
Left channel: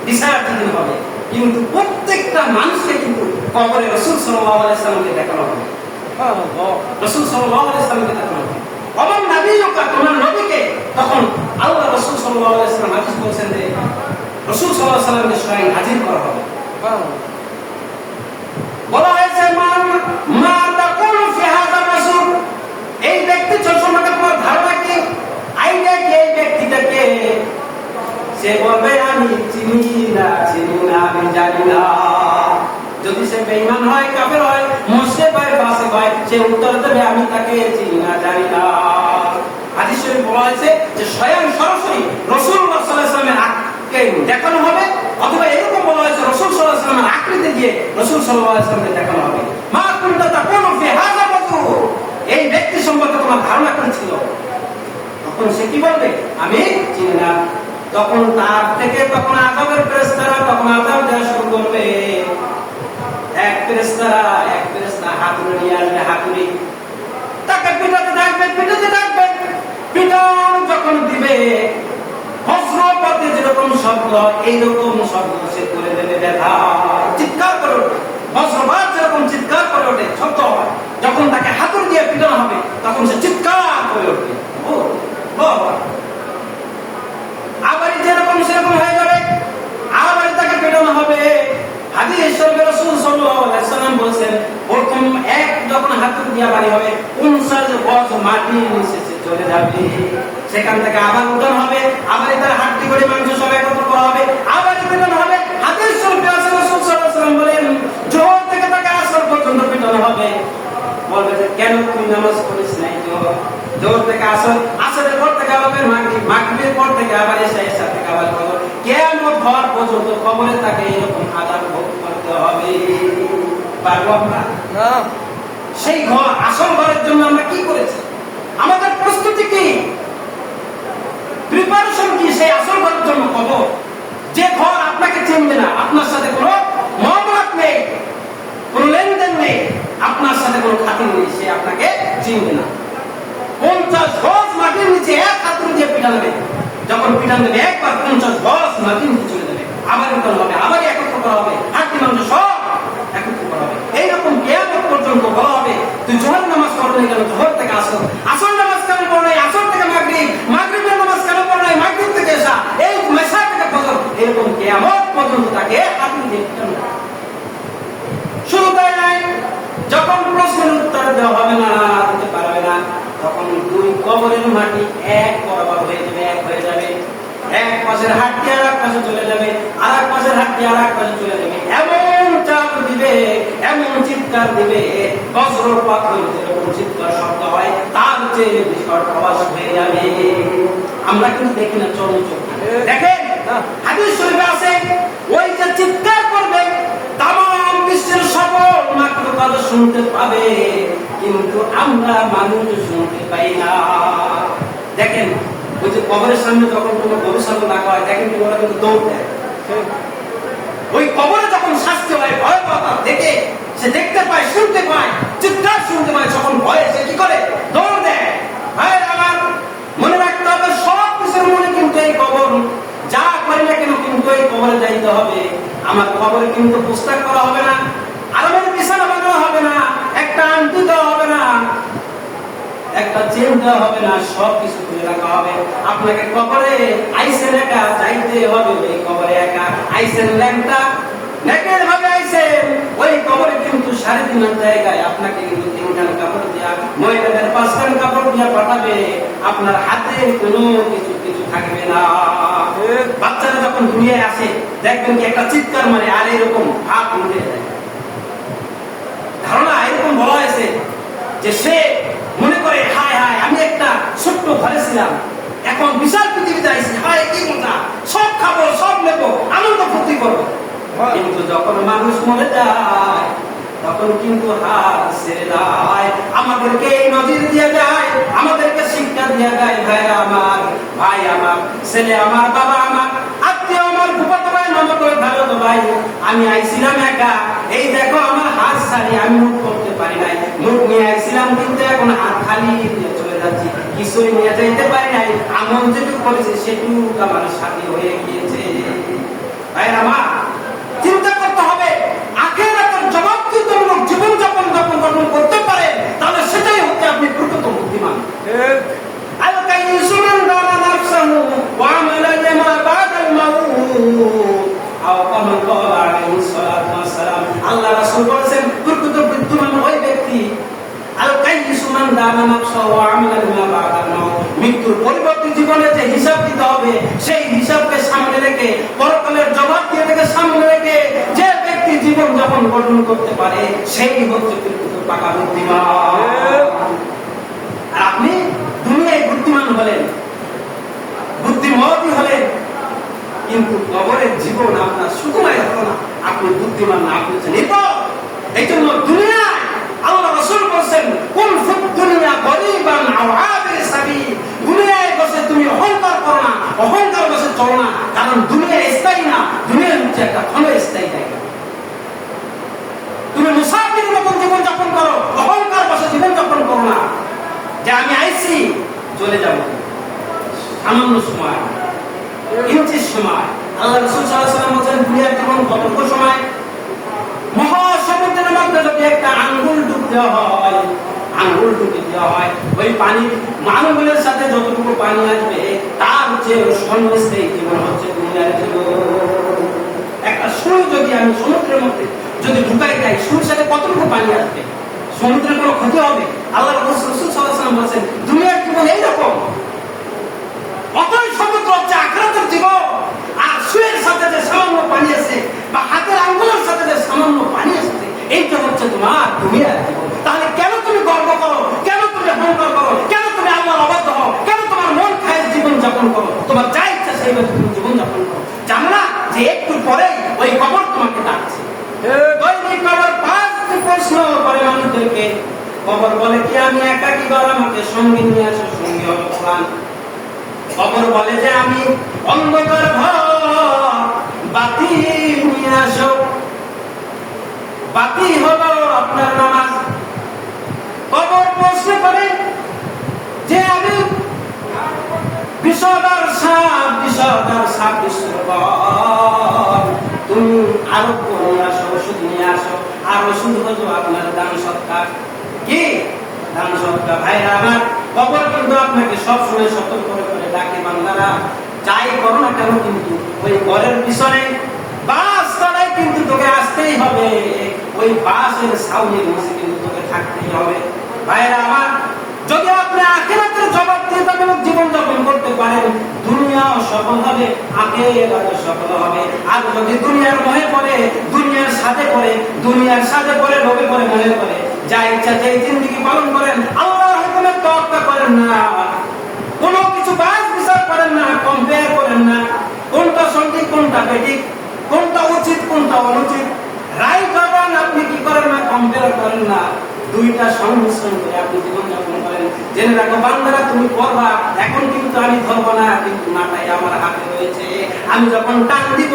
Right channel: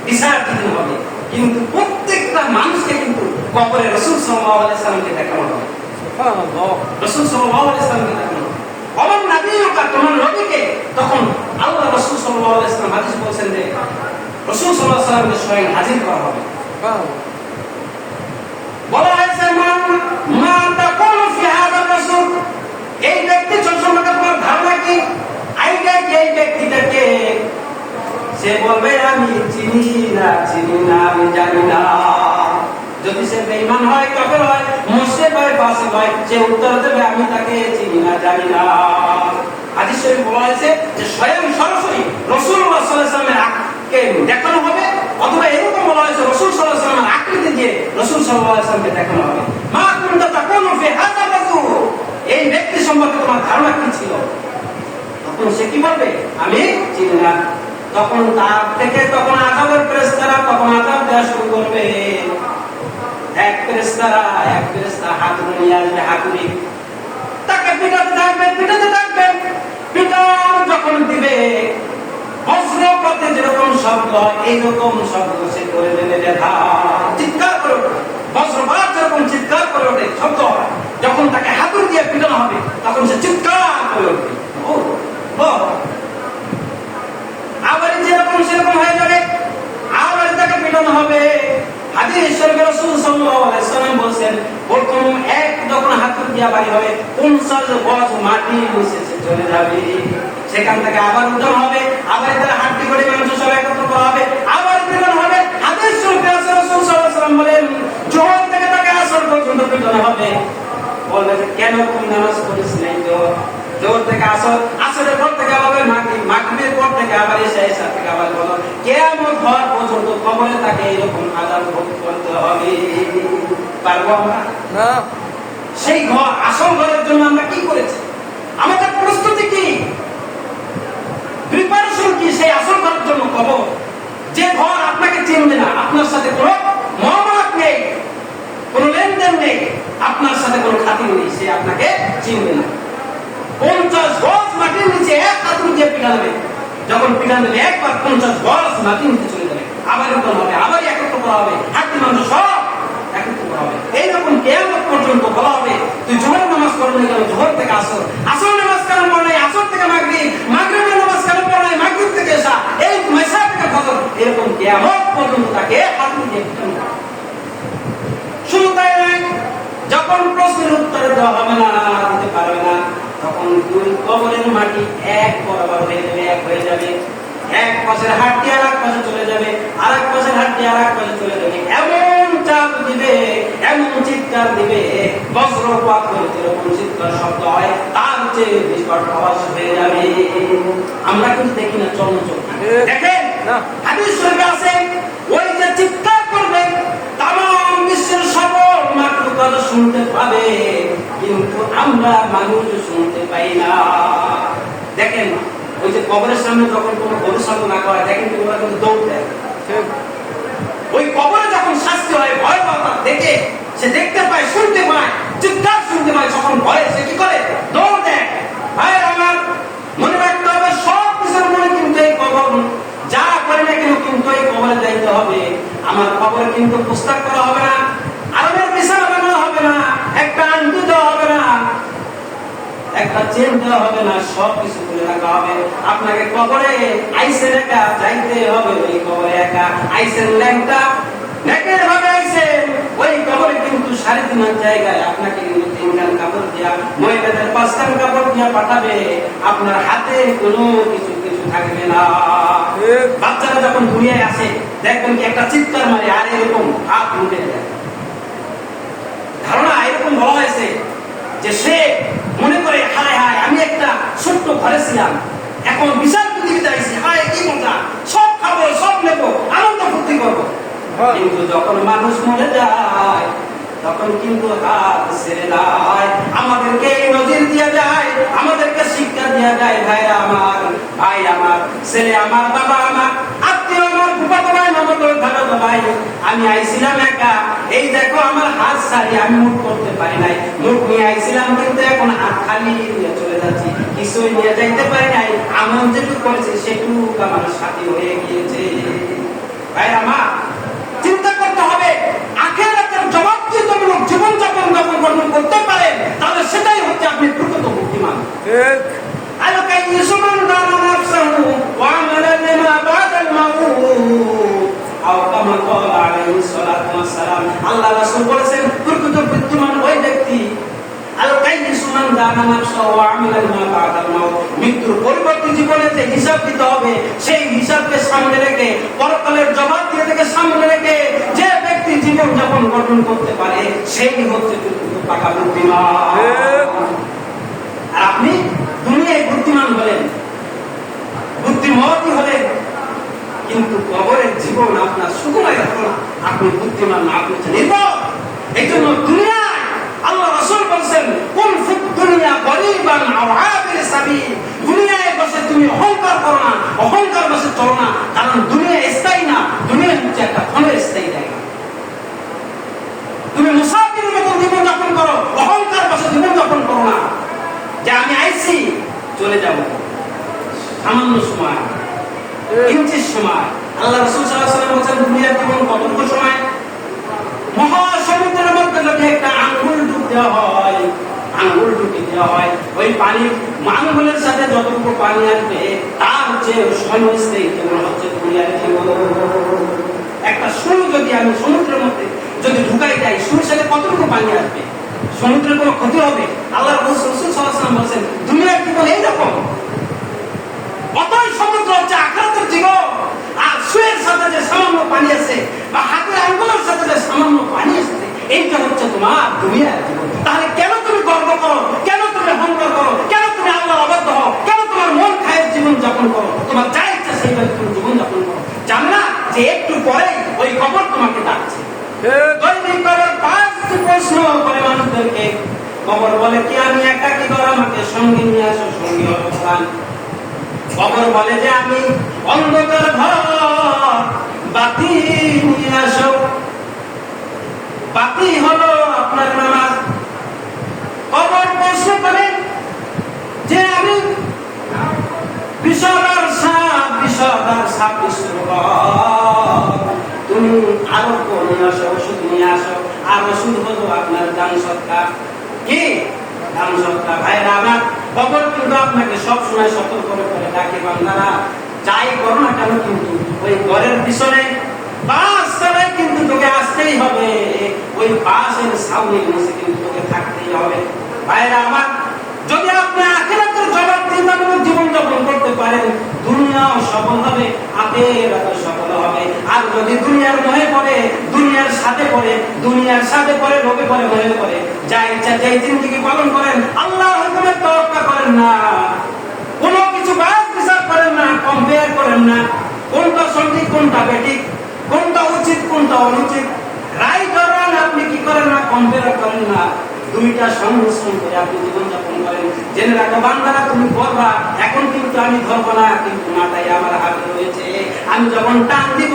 বিচার দিন হবে, কিন্তু প্রত্যেকটা মানুষকে কিন্তু কবরে রাসূল সাল্লাল্লাহু আলাইহি ওয়াসাল্লামকে দেখানো হবে। সুবহানাল্লাহ, রাসূল সাল্লাল্লাহু আলাইহি ওয়াসাল্লামকে দেখানো হবে। আমার নবীকে, তোমার নবীকে, তখন আল্লাহ রাসূল সাল্লাল্লাহু আলাইহি ওয়াসাল্লাম হাদিস বলেছেন যে রাসূল সাল্লাল্লাহু আলাইহি ওয়াসাল্লামকে স্বয়ং হাজির করা হবে। বলা হয়েছে মা তাকুলু ফি হাযা রাসূল, এই ব্যক্তি সম্পর্কে তোমার ধারণা কি? এই ব্যক্তিটাকে সে বলবে আমি চিনি না, আমি জানি না। সে উত্তর দেবে আমি তাকে চিনি না, জানি না। হাদিস শরীফ বলা হয়েছে যে স্বয়ং সরাসরি রাসূলুল্লাহ সাল্লাল্লাহু আলাইহি ওয়াসাল্লামের আককে দেখানো হবে, অথবা এরকম বলা হয়েছে রাসূল সাল্লাল্লাহু আলাইহি ওয়াসাল্লামের আকৃতি দিয়ে রাসূল সাল্লাল্লাহু আলাইহি ওয়াসাল্লামকে দেখানো হবে। মা কুনতা তাকুলু ফি হাযা রাজুল, এই ব্যক্তি সম্পর্কে তোমার ধারণা কি ছিল? তখন সে কি বলবে? আমি চিনি না। তখন তার থেকে তখন আযাবের ফেরেশতারা তখন আযাব দেওয়া শুরু করবে। এক ফেরেশতা হাতুড়ি নিয়ে আসবে, হাতুড়ি তাকে পিটাতে থাকবে। পিটান যখন দিবে বজ্রপাতে যেরকম শব্দ, এইরকম শব্দ সে করে দেবে, ব্যথা চিৎকার করে উঠবে। বজ্রপাত যেরকম চিৎকার করে ওঠে শব্দ, যখন তাকে হাতুড়ি দিয়ে পিটানো হবে তখন সে চিৎকার করে উঠবে। আবার যেরকম সেরকম হয়ে যাবে, আবার তাকে পিটানো হবে। হাদিস শরীফে রাসূল সাল্লাল্লাহু আলাইহি ওয়াসাল্লাম বলেন, প্রথম এক যখন হাতুড়ি দিয়ে বাড়ি হবে 50 গজ মাটি নিচে চলে যাবে। সেখান থেকে আবার উত্তর হবে, আবার তার হাড্ডি করে মাংস সব একত্র করা হবে, আবার পিটানো হবে। হাদিস শরীফে রাসূল সাল্লাল্লাহু আলাইহি ওয়াসাল্লাম বলেন, জোহর থেকে তাকে আসর পর্যন্ত পিটানো হবে। বলবে যে কেন তুমি নামাজ পড়িস নাই? তো জোহর থেকে আসর, আসরের পর থেকে আবার মাগরিবের পর থেকে আবার ইশা থেকে আবার বলো, কিয়ামত হওয়ার পর্যন্ত কবরে তাকে এরকম আযাব ভোগ করতে হবে। পারবো আমরা না? সেই ঘর, আসল ঘরের জন্য আমরা কি করেছি? আমাদের প্রস্তুতি কি, প্রিপারেশন কি সেই আসল ঘরের জন্য? কবর, যে ঘর আপনাকে চিনবে না, আপনার সাথে কোনো মহব্বত নেই, কোনো লেনদেন নেই, আপনার সাথে কোনো খাতির নেই, সে আপনাকে চিনবে না। 50 গজ মাটির নিচে এক হাতুড়ি দিয়ে পিটাবে। যখন পিটানো হবে একবার 50 গজ মাটির নিচে চলে যাবে, আবার উঠানো হবে, আবার একত্র করা হবে, হাড্ডি মাংস সব একত্র করা হবে। এইরকম কিয়ামত পর্যন্ত বলা হবে, তুই জোহর নামাজ পড়লে কেন? জোহর থেকে আসর, আসর নামাজ কেন পড় নাই? আসর থেকে মাগরিব, মাগরিবের নামাজ কেন পড় নাই? মাগরিব থেকে এশা, এই মেশা থেকে ফজর। এরকম কিয়ামত পর্যন্ত তাকে হাতুড়ি দিয়ে পিটানো হবে। শুধু তাই নয়, যখন প্রশ্নের উত্তর দেওয়া হবে না, দিতে পারবে না, তখন দুই কবরের মাটি এক বরাবর হয়ে যাবে, এক হয়ে যাবে। এক পাশের হাড্ডি আর এক পাশে চলে যাবে, আর এক পাশের হাড্ডি আর এক পাশে চলে যাবে। এমন চাপ দিবে, এমন চিৎকার দিবে, বজ্রপাত যেরকম চিৎকার শব্দ হয় তার চেয়ে বিকট আওয়াজ হয়ে যাবে। আমরা কিন্তু দেখি না, চলনচোখ দেখেন। হাদিস শরীফে আছে, ওই যে চিৎকার করবে তামাম বিশ্বের সকল মাখলুকাত শুনতে পাবে, কিন্তু আমরা মানুষ শুনতে পাই না। দেখেন, ওই যে কবরের সামনে যখন কোনো গবেষণা রাখা হয়, দেখেন ওরা কিন্তু দৌড় দেয়। ওই কবরে যখন শাস্তি হয়, ভয়াবহতা দেখে সে দেখতে পায়, শুনতে পায়, চিৎকার শুনতে পায়, যখন ভয়ে সে কি করে? দৌড় দেয়। ভাই আমার মনে রাখতে হবে, সব কিছুর মনে কিন্তু এই কবর, যা করে না কেন কিন্তু এই কবরে যাইতে হবে। আমার কবরে কিন্তু পুস্তক করা হবে না, আরামের বিছানা বানানো হবে না, একটা আংটি দেওয়া হবে না, একটা চেন দেওয়া হবে না, সব কিছু তুলে রাখা হবে। আপনাকে কবরে আইসের একা যাইতে হবে, ওই কবরে একা আইসের ল্যাংটা নেকের ভাবে আইসেন, ওই কবরে কিন্তু 3.5 জায়গায় আপনাকে কিন্তু 3 কাপড় দিয়া, মহিলাদের 5 কাপড় দিয়া পাঠাবে, আপনার হাতে কোনো কিছু থাকবে না। বাচ্চারা যখন দুনিয়ায় আসে দেখবেন কি একটা চিৎকার মারে, আর এরকম হাত উঠে যায়। ধারণা এরকম বলা হয়েছে যে সে মনে করে, হায় হায় আমি একটা ছোট্ট ঘরে ছিলাম, এখন বিশাল পৃথিবীতে আইছি, হায় কি মজা, সব খাবো, সব নেবো, আনন্দ ফুর্তি করবো। কিন্তু যখন মানুষ মরে যায় তখন কিন্তু হাত ছেড়ে দেয়। আমাদেরকে নজির দিয়ে যায়, আমাদেরকে শিক্ষা দিয়ে যায়। ভাইরা আমার, ভাই আমার, ছেলে আমার, বাবা আমার, আত্মীয় আমার, ফুফাতো ভাই, মামাতো ভাই, ভাই, আমি আইছিলাম একা, এই দেখো আমার হাত ছাড়ি, আমি মুখ করতে পারি নাই, মুখ নিয়ে আইছিলাম কিন্তু এখন হাত খালি নিয়ে চলে যাচ্ছি, কিছুই নিয়ে যাইতে পারি নাই, আমল যেটুকু করেছি সেটুকু আমার সাথে হয়ে গিয়েছে। ভাইরা আমার, চিন্তা করতে হবে, আখিরাতের জবাবদিহিতামূলক জীবনযাপন যখন করতে পারেন, তাহলে সেটাই হচ্ছে আপনি প্রকৃত বুদ্ধিমান। আল্লাহ রাসূল বলেছেন, প্রকৃত বুদ্ধিমান ওই ব্যক্তি মৃত্যুর পরিবর্তে জীবনে যে হিসাব দিতে হবে, সেই হিসাবকে সামনে রেখে, পরকালের জবাব দিয়ে থেকে সামনে রেখে যে ব্যক্তি জীবন যাপন গঠন করতে পারে, সেই হচ্ছে পাকা বুদ্ধিমান। আর আপনি দুনিয়ায় বুদ্ধিমান হলেন, বুদ্ধিমতী হলেন, কিন্তু কবরের জীবন আপনার সুখময় হলো না, আপনি বুদ্ধিমান না, আপনি নির্ভর। এই জন্য দুনিয়ায় আল্লাহ রাসূল বলেছেন, কুন ফিদ দুনিয়া গরিবান আও আবির সাবিল। দুনিয়ায় বসে তুমি অহংকার করো না, অহংকার বসে চলো না, কারণ দুনিয়া স্থায়ী না, দুনিয়া হচ্ছে একটা ক্ষণস্থায়ী জায়গা। তুমি মুসাফিরের মতন জীবন যাপন করো, অহংকার বসে জীবন যাপন করো না, যে আমি আইছি চলে যাব সামান্য সময়, ইঞ্চির সময়। আল্লাহ রাসূল সাল্লাল্লাহু আলাইহি ওয়াসাল্লাম বলেন, দুনিয়ার জীবন কতটুকু সময়? মহাসমুদ্রের মধ্যে যদি একটা আঙ্গুল ডুব দেওয়া হয়, আঙ্গুল ডুব দেওয়া হয়, ওই পানির আঙ্গুলের সাথে যতটুকু পানি আসবে তার যে সমস্যাই জীবন হচ্ছে দুনিয়ার জীবন। একটা সুর যদি আমি সমুদ্রের মধ্যে যদি ঢুকাই যাই, সুরের সাথে কতটুকু পানি আসবে? সমুদ্রের কোনো ক্ষতি হবে? আল্লাহ রাসূল সাল্লাল্লাহু আলাইহি ওয়াসাল্লাম বলেছেন, দুনিয়ার জীবন এইরকম। অতই সমুদ্র হচ্ছে আখিরাতের জীবন। আর সুরের সাথে যে সামান্য পানি আছে, বা হাতের আঙ্গুলের সাথে যে সামান্য পানি আছে, এইটা হচ্ছে তোমার দুনিয়ার জীবন। তাহলে কেন তুমি গর্ব করো, কেন তুমি অহংকার করো, কেন তুমি আল্লাহর অবাধ্য হও, কেন তোমার মন খায়ের জীবন যাপন করো, তোমার যা ইচ্ছা সেইভাবে তুমি জীবন যাপন করো? জানো না যে একটু পরেই ওই কবর তোমাকে ডাকছে। ওই কবর 5টি প্রশ্ন করে মানুষদেরকে। কবর বলে কি আমি একাকী ঘর, আমাকে সঙ্গে নিয়ে আসো, সঙ্গী হলো কোরআন। কবর বলে যে আমি অন্ধকার ঘর, বাতি নিয়ে আসো, বাতি হলো আপনার নামাজ। কবর প্রশ্ন করে যে আমি বিষধর সাপ, বিষধর সাপ তুমি আরোগ্য নিয়ে আসো, ওষুধ নিয়ে আসো। আর ওষুধ হলো আপনার দান সৎকার। কি দান সৎকার? ভাইরা আমার, কবর কিন্তু আপনাকে সবসময় সতর্ক করে ডাকে, বান্দারা যাই করো না কেন কিন্তু ওই ঘরের পিছনে বাস চালায় কিন্তু তোকে আসতেই হবে, ওই বাসের ছাউনির নিচে কিন্তু তোকে থাকতেই হবে। ভাইরা আমার, যদি আপনি আখিরাতের জবাবদিহিতামূলক জীবন যাপন করতে পারেন, দুনিয়াও সফল হবে, আখিরাতও সফল হবে। আর যদি দুনিয়ার মোহে পড়ে, দুনিয়ার সাথে পড়ে, দুনিয়ার সাথে পড়ে, লোভে পড়ে, মোহে পড়ে, যা ইচ্ছা যেই জিন্দেগি পালন করেন, আল্লাহর হুকুমের তোয়াক্কা করেন না, কোনো কিছু বাস বিচার করেন না, কম্পেয়ার করেন না, কোনটা সঠিক কোনটা বেঠিক, কোনটা উচিত কোনটা অনুচিত, রায় করেন আপনি কি করেন না, কম্পেয়ার করেন না, দুইটা সংমিশ্রণ করে আপনি জীবনযাপন করেন। জেনে রাখো বান্দারা, তুমি করবা এখন কিন্তু আমি ধরবো না, কিন্তু নাটাই আমার হাতে রয়েছে, আমি যখন টান দিব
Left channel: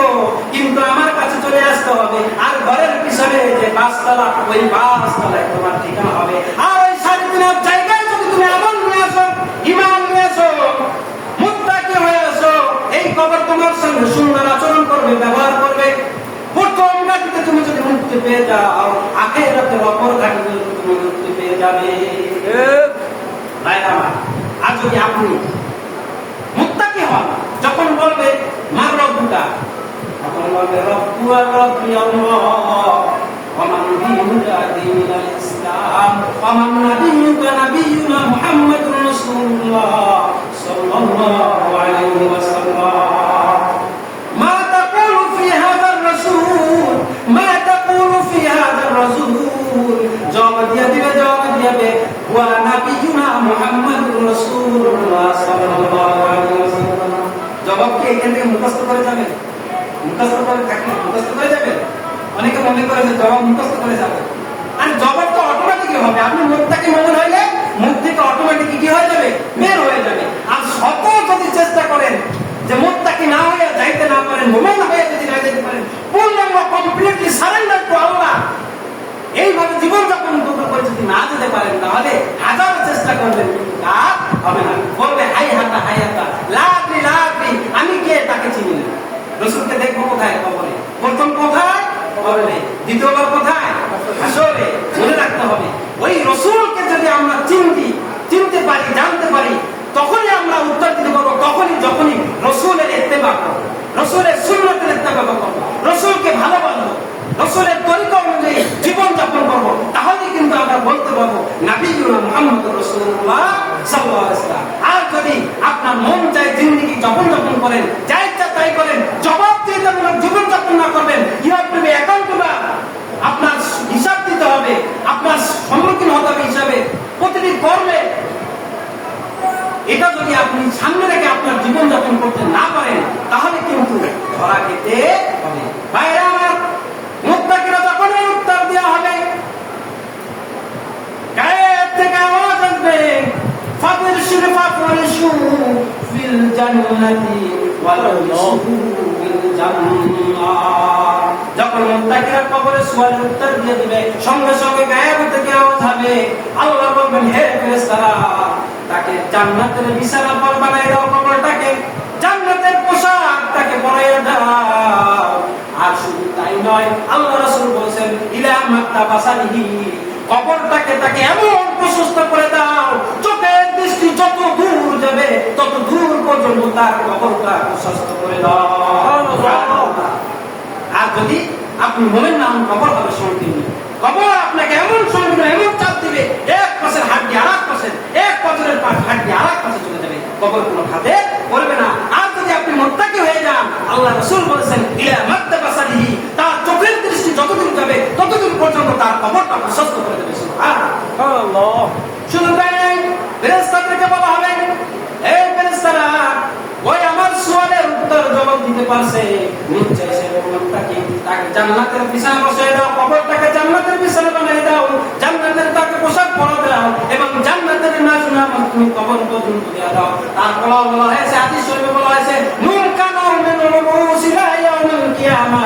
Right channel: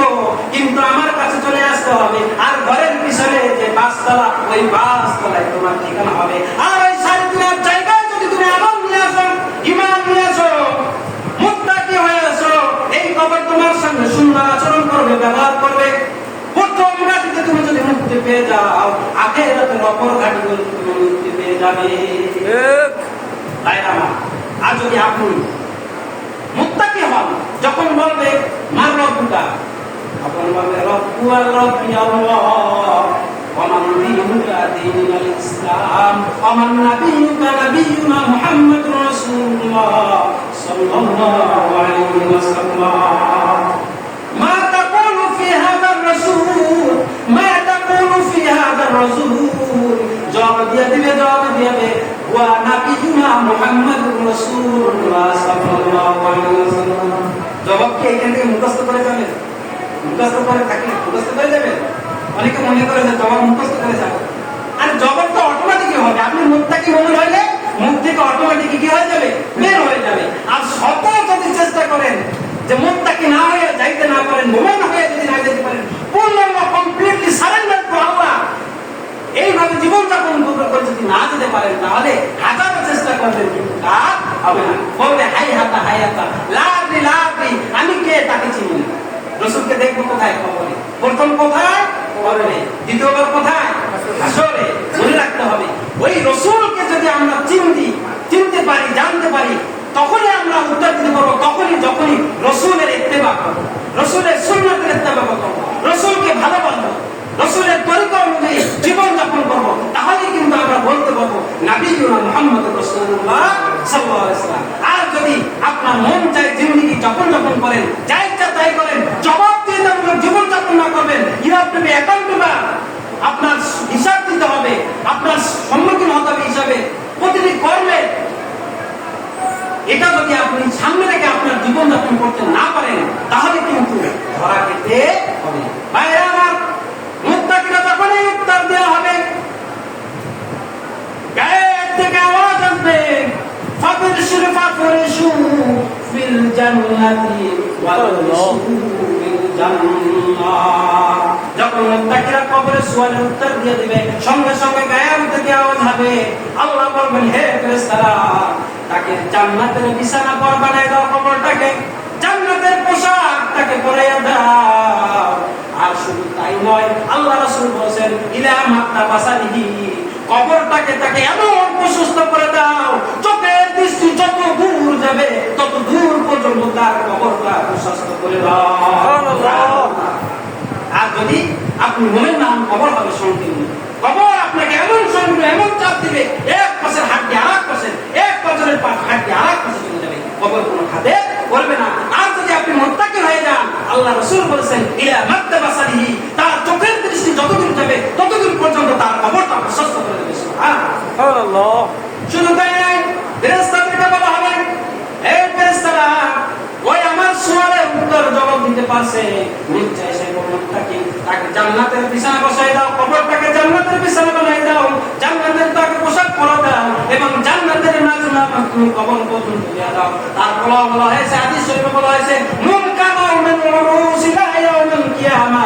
কিন্তু আমার কাছে চলে আসতে হবে। আর ঘরের পিছনে যে বাসতলা, ওই বাসতলায় তোমার ঠিকানা হবে। আর ওই সারিদিনের জায়গায় যদি তুমি আমল নিয়ে আসো, ঈমান নিয়ে আসো, মুত্তাকি হয়ে আসো, এই কবর তোমার সঙ্গে সুন্দর আচরণ করবে, ব্যবহার করবে। প্রথম ঘাটিতে তুমি যদি মুক্তি পেয়ে যাও, আখিরাতের অপর ঘাটিতে তুমি মুক্তি পেয়ে যাবে। আর যদি আপনি মুত্তাকি হন, যখন বলবে মার রব্বুকা, তখন বলবে রব্বু আর রব্বি আল্লাহ, ওমান দীনুকা দীনুল ইসলাম, ওমান নাবিয়ুকা নাবিয়ুনা মুহাম্মাদুর রাসূলুল্লাহ সাল্লাল্লাহু আলাইহি ওয়াসাল্লাম। মা তাকুলু ফি হাযার রাসূল, মা তাকুলু ফি হাযার রাসূল, জবাব দিয়ে দিবে, জবাব দিবে ওয়া নাবিয়ুনা মুহাম্মাদুর রাসূলুল্লাহ সাল্লাল্লাহু আলাইহি ওয়াসাল্লাম। জবাব কি এখান থেকে মুখস্থ করে যাবে? মুখস্থ করে থাকলে মুখস্থ করে যাবে? অনেকে মনে করে যে জবাব মুখস্থ করে যাবে। আর জবাব তো অটোমেটিক হবে, আপনি মুত্তাকি মনে হইলে মুখ থেকে অটোমেটিক কি হয়ে যাবে, বের হয়ে যাবে। আর শত যদি চেষ্টা করেন যে মুত্তাকি না হয়ে যাইতে না পারেন, মুমিন হয়ে যদি না যেতে পারেন, পূর্ণাঙ্গ কমপ্লিটলি সারেন্ডার টু আল্লাহ, এইভাবে জীবনযাপন করে যদি না যেতে পারেন, তাহলে হাজার চেষ্টা করবেন কিন্তু কাজ হবে না। বলবে হাই হাতা, হাই হাতা, লাভলি লাভলি, আমি কে তাকে চিনি না। রসুলকে দেখবো কোথায়? কবরে। প্রথম কোথায়? কবরে। দ্বিতীয়বার কোথায়? হাসরে। মনে রাখতে হবে, ওই রসুলকে যদি আমরা চিনতে পারি, জানতে পারি, তখনই আমরা উত্তর দিতে পারবো, তখনই যখনই রসুলের ইত্তেবা করবো, রসুলের সুন্নতের ইত্তেবা করবো, রসুলকে ভালোবাসবো, রসুলের তরিকা অনুযায়ী জীবন যাপন করবো, তাহলে কিন্তু আমরা বলতে পারবো নাবিয়ুনা মুহাম্মাদুর রাসূলুল্লাহ সাল্লাল্লাহু আলাইহি ওয়াসাল্লাম। আর যদি আপনার মন চায় জিন্দেগি যাপন করেন, যা ইচ্ছা তাই করেন, জবাবদিহিতামূলক জীবন যাপন না করবেন, you have to be accountable. আপনার হিসাব দিতে হবে, আপনার এটা যদি আপনি সামনে রেখে আপনার জীবনযাপন করতে না পারেন তাহলে কিন্তু ধরা খেতে হবে। ভাইরা আমার, মুত্তাকিরা যখনই উত্তর দেওয়া হবে, গায়ের থেকে আওয়াজ আসবে, ফাবিরশির ফাফরিশু ফিল জান্নাতি ওয়ালশু ফিল জান্নাহ। যখন মুত্তাকিরা কবরের সুয়ালের উত্তর দিয়ে দিবে, সঙ্গে সঙ্গে গায়ের থেকে আওয়াজ হবে, আল্লাহ বলবেন, হে ফেরেশতারা, তাকে জান্নাতের বিছানা পর বানাই দাও, কবরটাকে জান্নাতের পোশাক তাকে পরাইয়া দাও। আর শুধু তাই নয়, আল্লাহ রাসূল বলেন, ইলা মাত্তাবাসালিহি, কবরটাকে তাকে এমন প্রশস্ত করে দাও, চোখের দৃষ্টি যত দূর যাবে তত দূর পর্যন্ত তার কবরটা প্রশস্ত করে দাও। আর যদি আপনি মুমিন না হন, কবর হবে সংকীর্ণ। কবর আপনাকে এমন সংকীর্ণ, এমন চাপ দিবে, এক পাশের হাড্ডি আরেক পাশে, এক পাশের হাড্ডি আরেক পাশে চলে যাবে, কবর কোনো হাতে বলবে না। আর যদি আপনি মুত্তাকি হয়ে যান, আল্লাহ রাসূল বলেছেন, ইলা মাত্তাবাসালিহি, তার চোখের দৃষ্টি যতদূর যাবে ততদূর পর্যন্ত তার কবরটা প্রশস্ত করে দেবে। সুবহানাল্লাহ। শুধু তাই নয়, ফেরেশতাদেরকে বলা হবে, হে ফেরেশতারা, ওই আমার সুয়ালের উত্তর জবাব দিতে পারছে, নিশ্চয় সে মুত্তাকি, তাকে জান্নাতের বিছানা বসায় দাও, কবরটাকে জান্নাতের বিছানা বানিয়ে দাও, জান্নাতের তাকে পোশাক পরা দাও এবং জান্নাতের নাজনা মাত্র কবর পর্যন্ত দিয়ে দাও। তারপর বলা হয়েছে, হাদিস শরীফে বলা হয়েছে, নুম কানা মিন রুসিলা ইয়াউমিল কিয়ামা,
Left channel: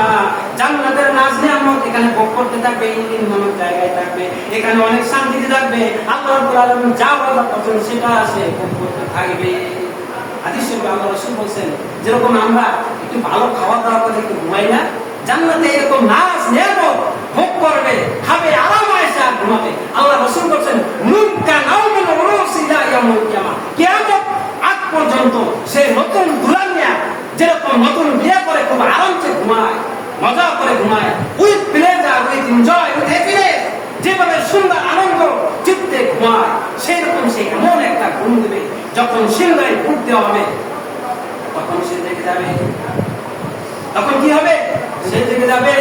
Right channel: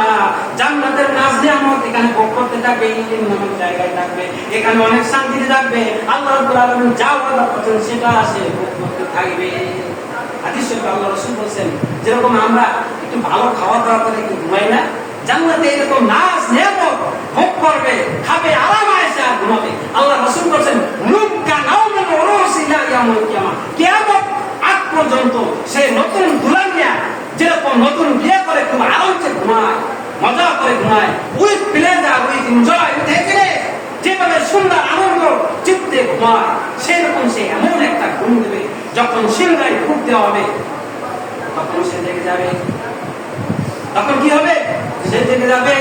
জান্নাতের নাজ নিয়ামত এখানে ভোগ করতে থাকবে, এই দিন নামক জায়গায় থাকবে, এখানে অনেক শান্তিতে থাকবে, আল্লাহ রাব্বুল আলামিন যা ওয়াদা করেছেন সেটা সে ভোগ করতে থাকবে। হাদিস শরীফে আল্লাহ রাসূল বলেন, যেরকম আমরা একটু ভালো খাওয়া দাওয়া করে একটু ঘুমাই না, জান্নাতে এরকম নাজ নিয়ামত ভোগ করবে, খাবে, আরাম আয়েশে আর ঘুমাবে। আল্লাহ রাসূল বলেন, নুকা নাউমিন রুসিলা ইয়াউমিল কিয়ামা, কিয়ামত আগ পর্যন্ত সে নতুন দুলহান নিয়া যেরকম নতুন বিয়ে করে খুব আরামসে ঘুমায়, মজা করে ঘুমায়, with pleasure, with enjoy, with happiness, যেভাবে সুন্দর আনন্দ চিত্তে ঘুমায়, সেই রকম সে এমন একটা ঘুম দেবে, যখন সিংহায় ফুট দেওয়া হবে তখন সে দেখে যাবে, তখন কি হবে, সে দেখে যাবে,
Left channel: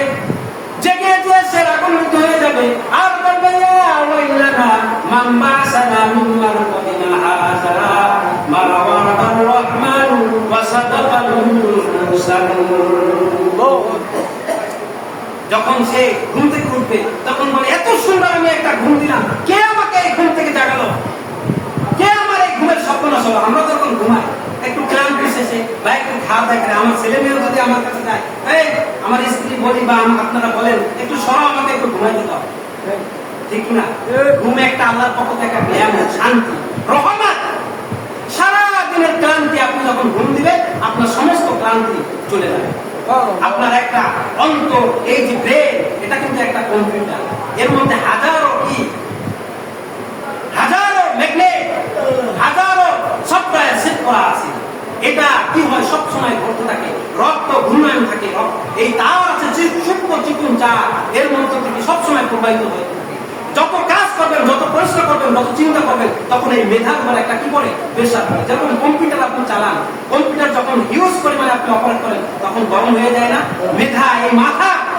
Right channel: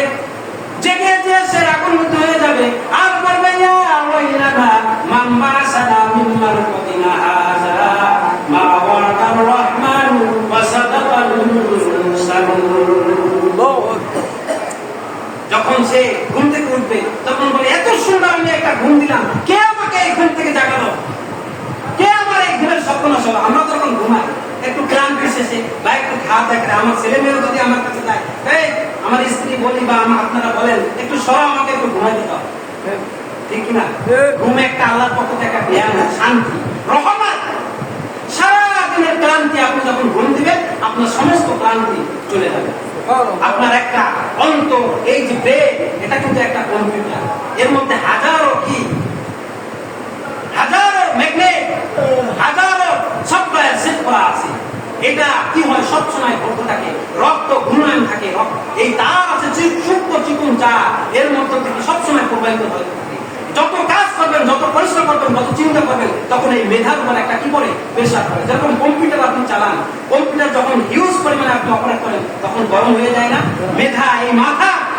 জেগে যে সে রাগান্বিত হয়ে যাবে, আর বলবে, ইয়া ওয়াইলানা মাম্মা সালামুন মারকাদিনা হাযা মা ওয়া'দার রাহমানু ওয়া সাদাকাল মুরসালুন। যখন সে ঘুম থেকে উঠবে তখন বলে, এত সুন্দর আমি একটা ঘুম দিলাম, কে আমাকে এই ঘুম থেকে জাগালো, কে আমার এই ঘুমের স্বপ্ন সব। আমরা যখন ঘুমাই একটু ক্লান্ত এসেছে বা একটু খাওয়া থাকে, আমার ছেলে মেয়েও যদি আমার কাছে যায়, এই আমার স্ত্রী বলি বা আপনারা বলেন, একটু সরাও, আমাকে একটু ঘুমাই দিতে হবে, ঠিক না? ঘুমে একটা আল্লাহর পক্ষ থেকে একটা জ্ঞান, শান্তি, রহমত। সারা দিনের ক্লান্তি আপনি যখন ঘুম দিবেন, আপনার সমস্ত ক্লান্তি চলে যাবে। আপনার একটা অন্তর, এই যে ব্রেন, এটা কিন্তু একটা কম্পিউটার, এর মধ্যে হাজারো ম্যাগনেট, হাজারো সফটওয়্যার সেট করা আছে। এটা কি হয়, সবসময় ঘটতে থাকে, রক্ত ঘূর্ণায়মান থাকে, এই তার আছে সূক্ষ্ম চিকুন তার, এর মধ্যে থেকে সবসময় প্রবাহিত হয়ে থাকে। যত কাজ করবেন, যত পরিশ্রম করবেন, যত চিন্তা করবেন, তখন এই মেধার উপর একটা কি করে প্রেসার পড়ে। যখন কম্পিউটার আপনি চালান, কম্পিউটার যখন হিউজ পরিমাণে আপনি অপারেট করেন, তখন গরম হয়ে যায় না? মেধা, এই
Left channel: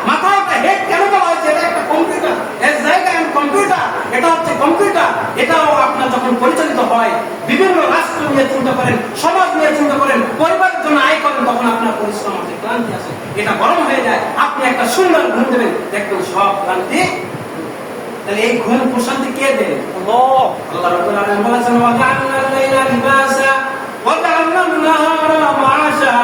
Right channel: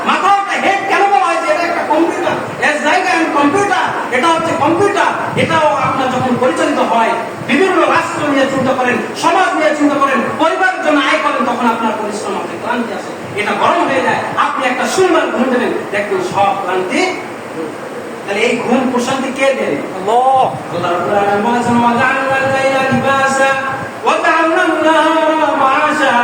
মাথাও হেড কেন বলা হয়েছে? এটা একটা কম্পিউটার, এর জায়গায় কম্পিউটার, এটা হচ্ছে কম্পিউটার। এটাও আপনার যখন পরিচালিত হয়, বিভিন্ন রাষ্ট্র নিয়ে চিন্তা করেন, সমাজ নিয়ে চিন্তা করেন, পরিবারের জন্য আয় করেন, তখন আপনার পরিশ্রম আছে, ক্লান্তি আছে, এটা গরম হয়ে যায়। আপনি একটা সুন্দর ঘুম দেবেন, দেখবেন সব ক্লান্তি। তাহলে এই ঘুম প্রশান্তি কে দেন? আল্লাহ রাব্বুল আলামিন বলেছেন, ওয়া জাআলনা লাইলা লিবাসা ওয়া জাআলনা নাহারা মাআশা,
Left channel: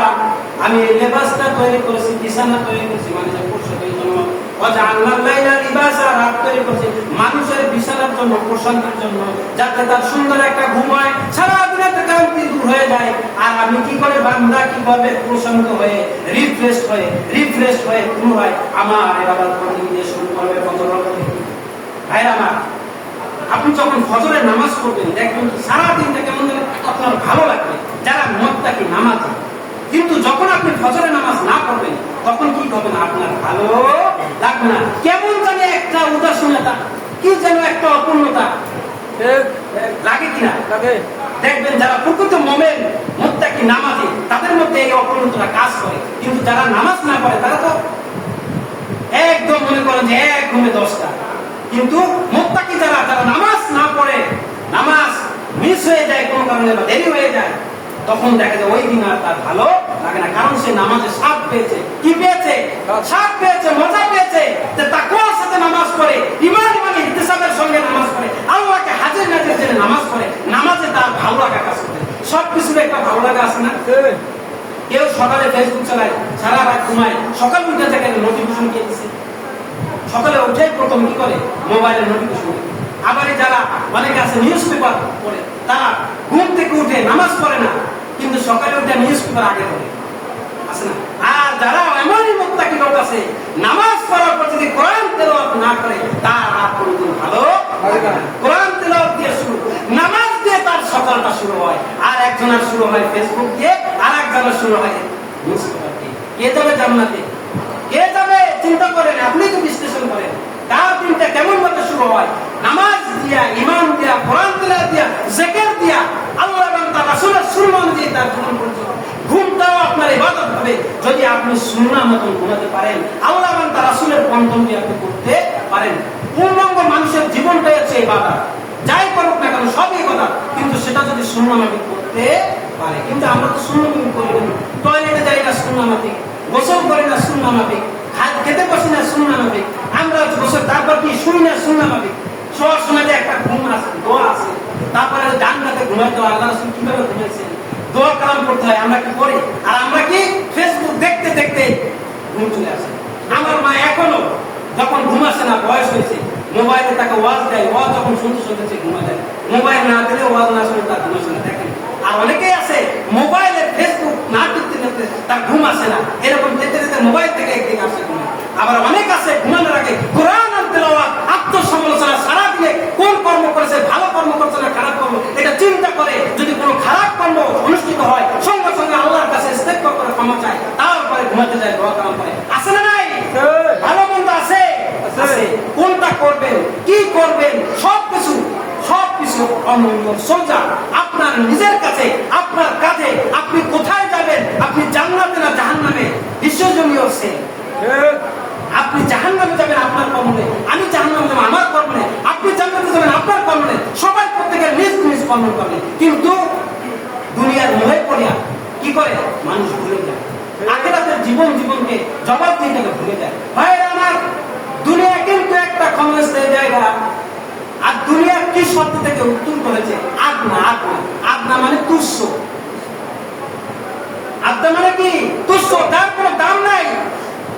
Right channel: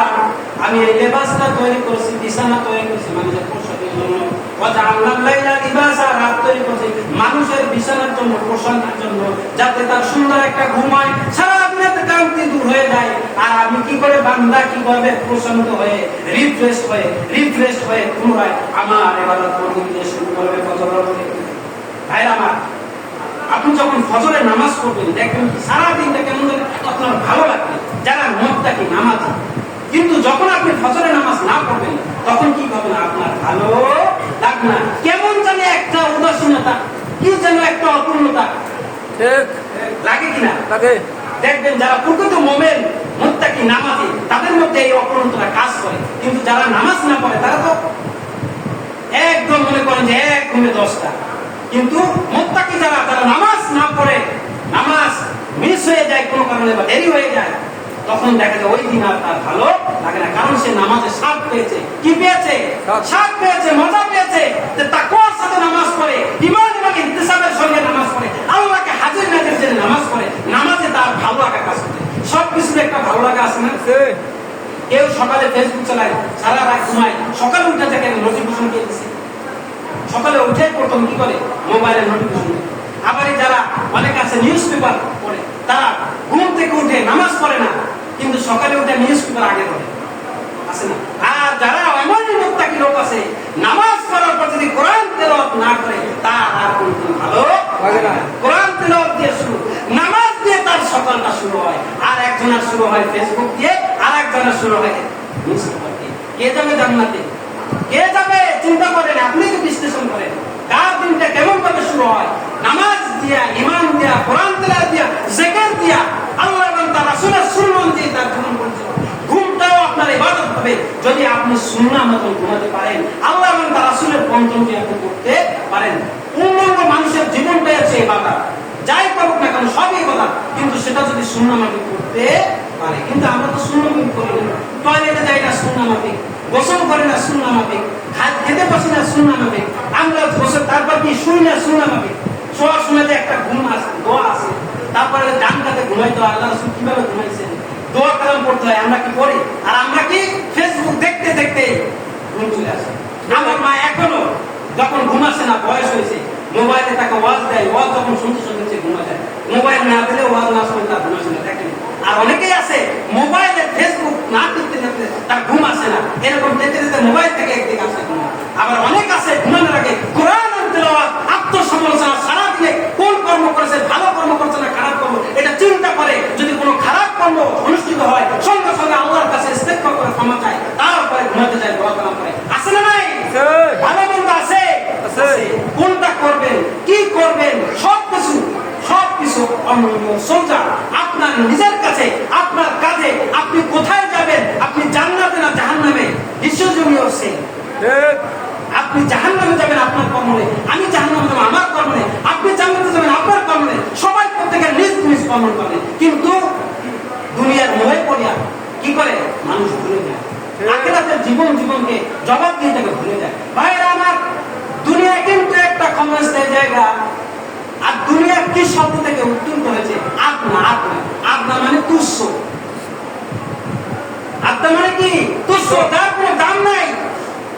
আমি এই লেবাসটা তৈরি করেছি, বিছানা তৈরি করেছি মানুষের পোশাকের জন্য। ওয়া জাআলনা লাইলা লিবাসা, রাত তৈরি করেছি মানুষের বিছানার জন্য, প্রশান্তির জন্য, যাতে তার সুন্দর একটা ঘুম হয়, সারা দিনের ক্লান্তি দূর হয়ে যায়। আর আমি কি করে, বান্দা কি করে প্রশান্ত হয়ে, রিফ্রেশ হয়ে পুনরায় আমার ইবাদত করতে শুরু করবে। কত রকমের ভাইরা আমার, আপনি যখন ফজরের নামাজ পড়বেন, দেখবেন সারাদিনটা কেমন আপনার ভালো লাগবে, যারা মুত্তাকি নামাজি। কিন্তু যখন আপনি ফজরের নামাজ না পড়বেন, তখন কি হবে না, আপনার ভালো লাগবে না, কেমন জানে একটা উদাসীনতা, কি যেন একটা অপূর্ণতা লাগে কিনা? দেখবেন যারা প্রকৃত মুমিন, মুত্তাকি নামাজি, তাদের মধ্যে এই অপূর্ণতা কাজ করে। কিন্তু যারা নামাজ না পড়ে, তারা তো একদম মনে করেন যে এক ঘুমে 10টা। কিন্তু মুত্তাকি যারা নামাজ না পড়ে, নামাজ মিস হয়ে যায় কোনো কারণে বা দেরি হয়ে যায়, তখন দেখা যায় ওই দিন আর তার ভালো লাগে না, কারণ সে নামাজে স্বাদ পেয়েছে। কি পেয়েছে? স্বাদ পেয়েছে, মজা পেয়েছে। যে তাকওয়ার সাথে নামাজ পড়ে, ঈমান মানে ইহতিসাবের সঙ্গে নামাজ পড়ে, আল্লাহকে হাজির নাজির জেনে নামাজ পড়ে, নামাজে তার ভালো লাগা কাজ করে। সবকিছুর একটা ভালো লাগা আছে না? কেউ সকালে ফেসবুক চালায়, সারা রাত ঘুমায়, সকালে উঠে থেকে নোটিফিকেশন দিয়ে দিচ্ছে, সকালে উঠে প্রথম কি করে? মোবাইলের নোটিফিকেশন। আবার যারা অনেক আছে নিউজ পেপার পড়ে, তারা ঘুম থেকে উঠে নামাজ পড়ে না, কিন্তু সকালে উঠে নিউজ পেপার আগে পড়ে, আছে না? আর যারা এমনই মুত্তাকি লোক আছে, নামাজ পড়ার পর যদি কোরআন তেলাওয়াত না করে, তার আর কোনো ভালো লাগে না। কোরআন তেলাওয়াত দিয়ে শুরু, নামাজ দিয়ে তার সকালটা শুরু হয়। আর একজনের শুরু হয় ফেসবুক দিয়ে, আর একজনের শুরু হয় নিউজ পেপার দিয়ে। কে যাবে জান্নাতে? কে যাবে? চিন্তা করেন, আপনি তো বিশ্লেষণ করেন, কার দিনটা কেমন ভাবে শুরু হয়? নামাজ দিয়া, ঈমান দিয়া, কোরআন তেলাওয়াত দিয়া, জিকির দিয়া, আল্লাহ এবং তার রাসূলের সুন্নাহ অনুযায়ী তার জীবন পরিচালনা। ঘুমটাও আপনার ইবাদত হবে যদি আপনি সুন্নাহ মতন ঘুমাতে পারেন, আল্লাহ এবং তার রাসূলের পন্থা আপনি করতে পারেন। পূর্ণাঙ্গ মানুষের জীবনটাই আছে ইবাদত, যাই করুক না কেন সবই কথা, কিন্তু সেটা যদি সুন্নাহ মাফিক করতে পারে। কিন্তু আমরা তো সুন্নাহ মাফিক করি না, টয়লেটে যাই না সুন্নাহ মাফিক, গোসল করে না সুন্নাহ মাফিক, খেতে বসি না সুন্নাহ মাফিক, আমরা গোসল তারপর কি শুই না সুন্নাহ মাফিক। শোয়ার সময় যে একটা ঘুম আছে, দোয়া আছে, তারপরে ডান কাতে ঘুমাইতে হয়, আল্লাহ রাসূল কিভাবে ঘুমাইছেন, দোয়া কালাম করতে হয়, আমরা কি করি? আর আমরা কি ফেসবুক দেখতে দেখতে ঘুম চলে আসে। আমার মা এখনো যখন ঘুম আসে না, বয়স হয়েছে, মোবাইলে তাকে ওয়াজ দেয়, ওয়াজ যখন শুনতে শুনতে ঘুমা যায়, মোবাইল না দিলে ওয়াজ না শুনে তার ঘুম আসে না। দেখেন, আর অনেকেই আছে মোবাইলে ফেসবুক না টিপতে টিপতে তার ঘুম আসে না, এরকম দেখতে দেখতে মোবাইল থেকে একদিকে আসে ঘুম। আবার অনেক আছে ঘুমানোর আগে কোরআন আর তেলাওয়াত, আত্মসমালোচনা, সারাদিনে কোন কর্ম করেছে, ভালো কর্ম করেছে না খারাপ কর্ম, এটা চিন্তা করে। যদি কোনো খারাপ কর্ম অনুষ্ঠিত হয়, সঙ্গে সঙ্গে আল্লাহর কাছে ইস্তেগফার করে ক্ষমা চায়, তারপরে ঘুমাতে যায়, দোয়া কালাম করে। আছে না নাই? ভালো মন্দ আছে, আছে। কোনটা করবেন, কি করবেন, সবকিছু সোজা আপনার নিজের কাছে, আপনার কাছে। আপনি কোথায় যাবেন, আপনি জান্নাতে না জাহান্নামে, বিশ্বজনীয় সে। আপনি জাহান্নামে যাবেন আপনার কর্মে, আমি জাহান্নামে যাবো আমার কর্মে, আপনি জান্নাতে যাবেন আপনার কর্মে, সবাই প্রত্যেকের নিজ নিজ কর্ম করবে। কিন্তু দুনিয়ার মোহে পড়িয়া কি করে মানুষ ভুলে যায়, আখিরাতের জীবনকে জবাব দিয়ে থেকে ভুলে যায়। ভাইরা আমার, দুনিয়া কিন্তু একটা ক্ষমতার জায়গা। আর দুনিয়া কি শব্দ থেকে উত্তর হয়েছে? আদনা। আদনা মানে তুচ্ছ। আদনা মানে কি? তুচ্ছ, তার কোনো দাম নাই।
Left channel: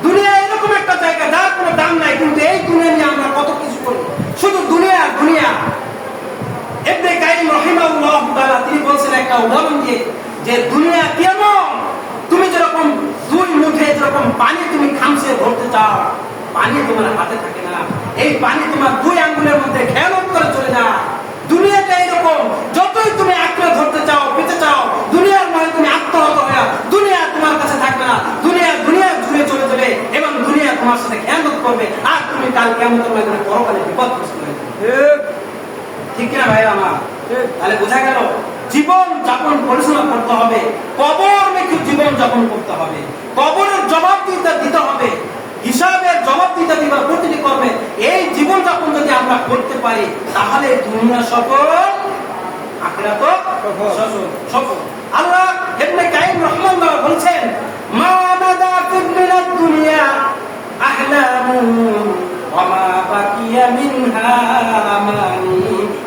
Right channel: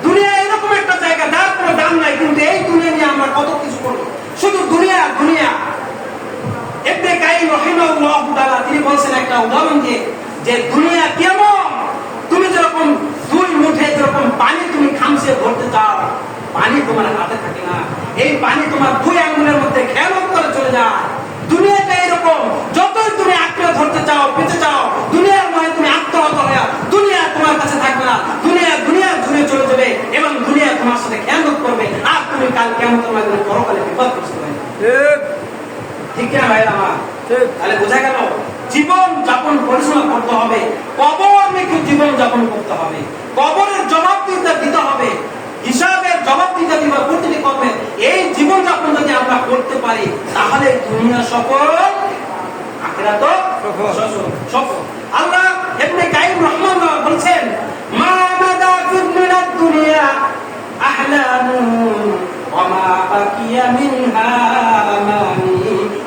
দুনিয়া এরকম একটা জায়গা, তার কোনো দাম নাই। কিন্তু এই দুনিয়া নিয়ে আমরা কত কিছু করি, শুধু দুনিয়া। ইবনে কাইয়িম রাহিমাহুল্লাহ তাআলা তিনি বলেছেন একটা উদাহরণ দিয়ে, যে দুনিয়া কেমন, তুমি যেরকম দুই মুঠে যেরকম পানি তুমি খামসে ভরতে চাও, পানি তোমার হাতে থাকে না, এই পানি তোমার দুই আঙ্গুলের মধ্যে খেয়ানত করে চলে যায়। দুনিয়াটা এরকম, যতই তুমি আঁকড়ে ধরতে চাও, পেতে চাও, দুনিয়ার মনে তুমি আত্মহত হয়ে, দুনিয়া তোমার কাছে থাকবে না, দুনিয়া জুড়ে চলে যাবে এবং দুনিয়া তোমার সাথে খেয়ানত করবে, আর তুমি কাল কিয়ামতের ময়দানে পরকালে বিপদগ্রস্ত হবে। ঠিক না ভাই আমার? তাহলে বোঝা গেল জীবন যাপন পরিচালনা করতে হবে, কবর মেখে জীবন যাপন করতে হবে, কবরের জবাব দিতে হবে, হিসাবের জবাব দিতে প্রতিটি কর্মে। এই জীবন যাপন যদি আমরা করতে পারি, তাহলে দুনিয়া সফল, আখিরাত সফল। আল্লাহ ইবনে কাইয়িম রাহিমাহুল্লাহ বলেছেন, মা মাদা মিনাদ দুনিয়া আহলামু ওয়া মা বাকিয়া মিনহা আমানি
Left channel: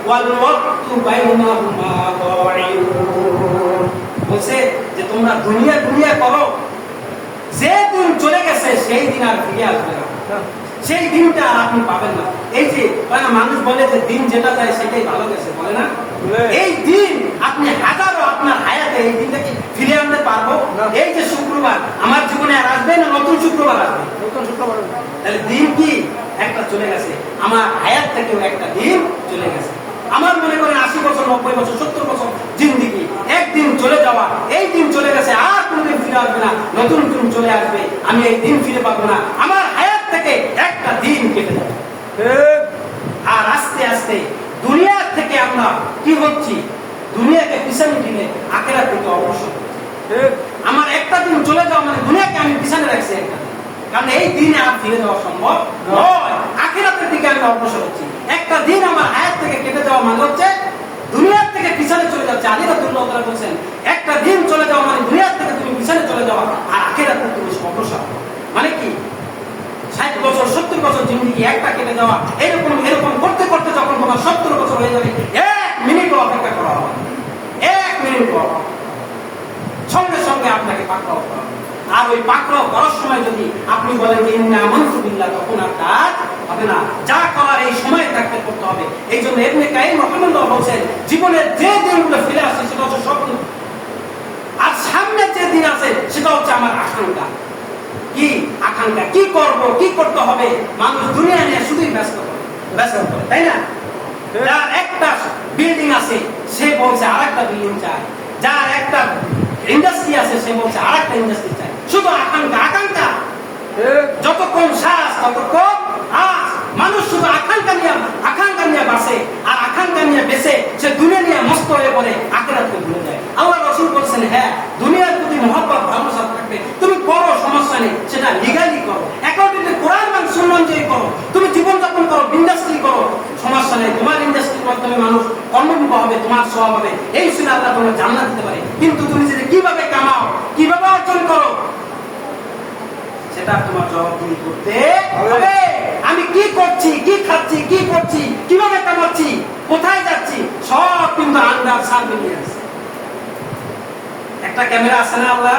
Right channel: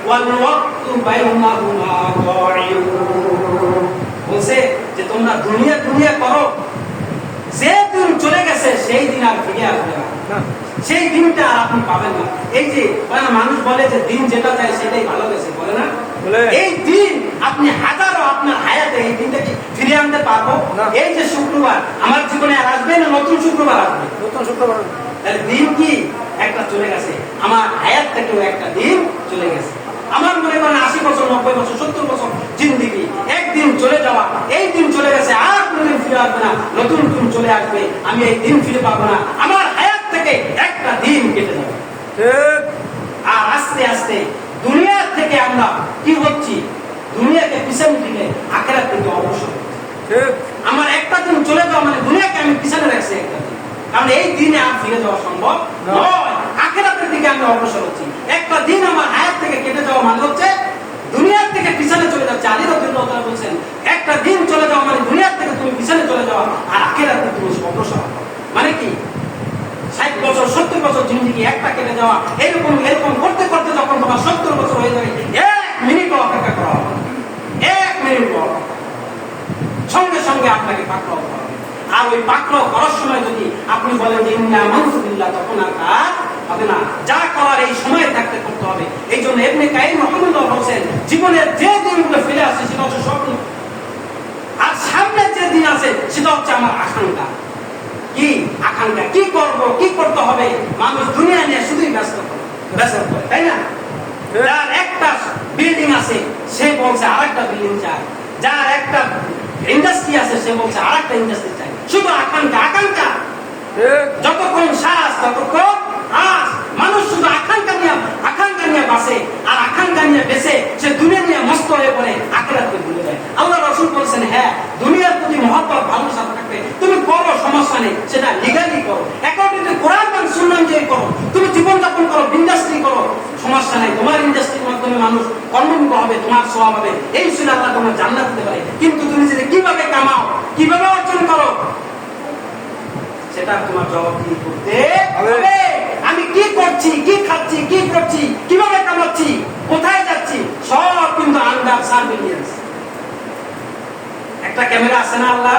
ওয়াল ওয়াক্তু বাইনাহুমা দাইউন। বলছে যে তোমরা দুনিয়া করো, যে দিন চলে গেছে সেই দিন আর ফিরে আসবে না, সেই দিনটা আর আপনি পাবেন না। এই যে মানুষ বলে যে দিন যেটা চাই সেটাই ভালো গেছে, বলে না? এই দিন আপনি হাজারো আপনার হায়াতে এই দিনটাকে ফিরে আনতে পারবো? এই যে শুক্রবার আমার জীবনে আর আসবে না, নতুন শুক্রবার আসবে, নতুন শুক্রবার। তাহলে দিন কি একটা চলে গেছে, আমার হায়াত থেকেও একটা দিন চলে গেছে। আমার মনে করেন 80 বছর, 90 বছর, 70 বছর জিন্দিগি, একদিন চলে যাওয়া, এই দিন চলে গেছে, আর কোনদিন ফিরে আসবে না, নতুন দিন চলে আসবে, আমি এই দিন ফিরে পাবো না। আমার হায়াত থেকে একটা দিন কেটে যাবে। আর আস্তে আস্তে দুনিয়া থেকে আমরা কি হচ্ছি, দুনিয়াকে পিছনে ফিরে আখিরাত থেকে অবসর। আমার একটা দিন চলে যাওয়া মানে দুনিয়াকে আমি পিছনে রাখছি একটা দিন, কারণ এই দিনে আর ফিরে যাওয়া সম্ভব নয়। আখিরাতের দিকে আমরা অগ্রসর হচ্ছি। একটা দিন আমার হায়াত থেকে কেটে যাওয়া মানে হচ্ছে দুনিয়ার থেকে পিছনে চলে যাচ্ছে। আলী রাদিয়াল্লাহু তাআলা বলেছেন, একটা দিন চলে যাওয়া মানে দুনিয়ার থেকে তুমি পিছনে চলে যাওয়া, আর আখিরাতে তুমি অগ্রসর হওয়া। মানে কি 60 বছর 70 বছর জিন্দেগি একটা কেটে যাওয়া, এরকম এরকম করতে করতে যখন তোমার 70 বছর হয়ে যাবে, 1 মিনিটও অপেক্ষা করা হবে, 1 মিনিট সঙ্গে সঙ্গে আপনাকে পাকড়াও করা হবে। আর ওই পাকড়াও করার সময় যদি আপনি বলেন যে ইন্না আমানতু বিল্লাহ, তখন আর কাজ হবে না। যা করার এই সময় থাকতে করতে হবে। এই জন্য ইবনে কাইয়িম রাহিমাহুল্লাহ বলেন, জীবনের যে দিনগুলো ফেলে আসে সেটা হচ্ছে স্বপ্ন, আর সামনে যে দিন আছে সেটা হচ্ছে আমার আকাঙ্ক্ষা। কি আকাঙ্ক্ষা, কি করব, কি করতে হবে। মানুষ দুনিয়া নিয়ে শুধুই ব্যস্ত করে, তাই না? যার একটা বিল্ডিং আছে সে বলছে আরেকটা বিল্ডিং চাই, যার একটা ইন্ডাস্ট্রি আছে সে বলছে আরেকটা ইন্ডাস্ট্রি চাই। শুধু আকাঙ্ক্ষা আকাঙ্ক্ষা, যতক্ষণ শ্বাস ততক্ষণ আস। মানুষ শুধু আকাঙ্ক্ষা নিয়ে বাঁচে, আর আকাঙ্ক্ষা নিয়ে বেঁচে সে দুনিয়া নিয়ে মস্ত হয়ে বলে আখিরাতকে ভুলে যায়। আল্লাহ রাসূল বলেছেন, হ্যাঁ দুনিয়ার প্রতি মহব্বত ভালোবাসা থাকবে, তুমি করো সমস্যা নেই, সেটা লিগালি করো, অ্যাকর্ডিং টু কোরআন এবং সুন্নাহ দিয়ে করো। তুমি জীবনযাপন করো, ইন্ডাস্ট্রি করো, সমস্যা নেই। তোমার ইন্ডাস্ট্রির মাধ্যমে মানুষ কর্মমুখ হবে, তোমার সওয়াব হবে, এই শুনে আল্লাহ তোমার জান্নাত দিতে পারে। কিন্তু তুমি যদি কিভাবে কামাও, কিভাবে অর্জন করো, সেটা তোমার জবাবদিহি করতে হবে। আমি কি করছি, কি খাচ্ছি, কি করছি, কিভাবে কামাচ্ছি, কোথায় যাচ্ছি, সব কিন্তু আন্ডার সার্ভিলেন্স। একটা ক্যামেরা আছে না আল্লাহ,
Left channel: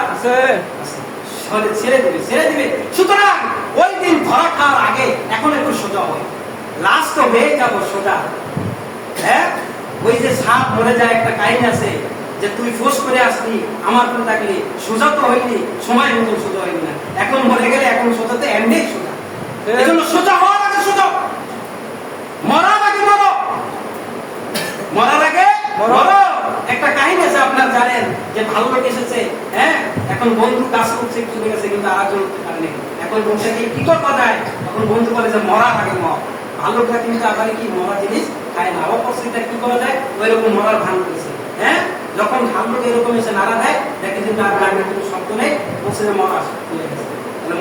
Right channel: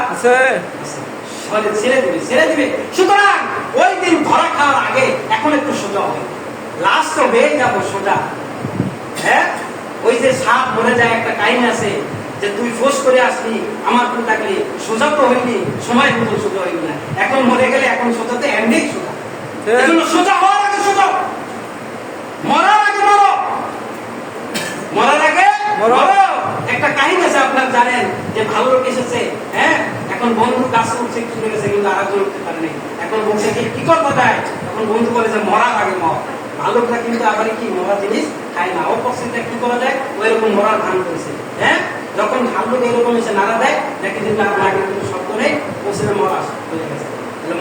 ছেড়ে দিবে। সুতরাং ওই দিন ধরা খাওয়ার আগে এখন একটু সোজা হবে, লাস্ট হয়ে যাবো সোজা। হ্যাঁ, ওই যে সাপ মরে যায়, একটা কাহিনী আছে যে তুই ফোর্স করে আসলি, আমার তো থাকলি, সোজা তো হইনি, সময় মতো সোজা হইনি না। এখন মরে গেলে এখন সোজা তো এমনি সোজা। এই জন্য সোজা হওয়ার আগে সোজা, মরার আগে মরো, মরার আগে মরো। একটা কাহিনী আছে আপনার জানেন, যে ভালো লোক এসেছে, হ্যাঁ এখন বন্ধু কাজ করছে, চলে গেছে, কিন্তু আরেকজন পারেনি। এখন বংশকে কি করতে যায়, তখন বন্ধু বলে যে মরার আগে মর। ভালোটা কিন্তু আবার কি মরা জিনিস খায় না, অপরটা কি করা যায়, ওই রকম মরার ভান করেছে। হ্যাঁ, যখন ভালো এরকম এসে নাড়া দেয়, দেখে যে তার আগে কোনো শব্দ নেই, বসে মরা হয়ে গেছে।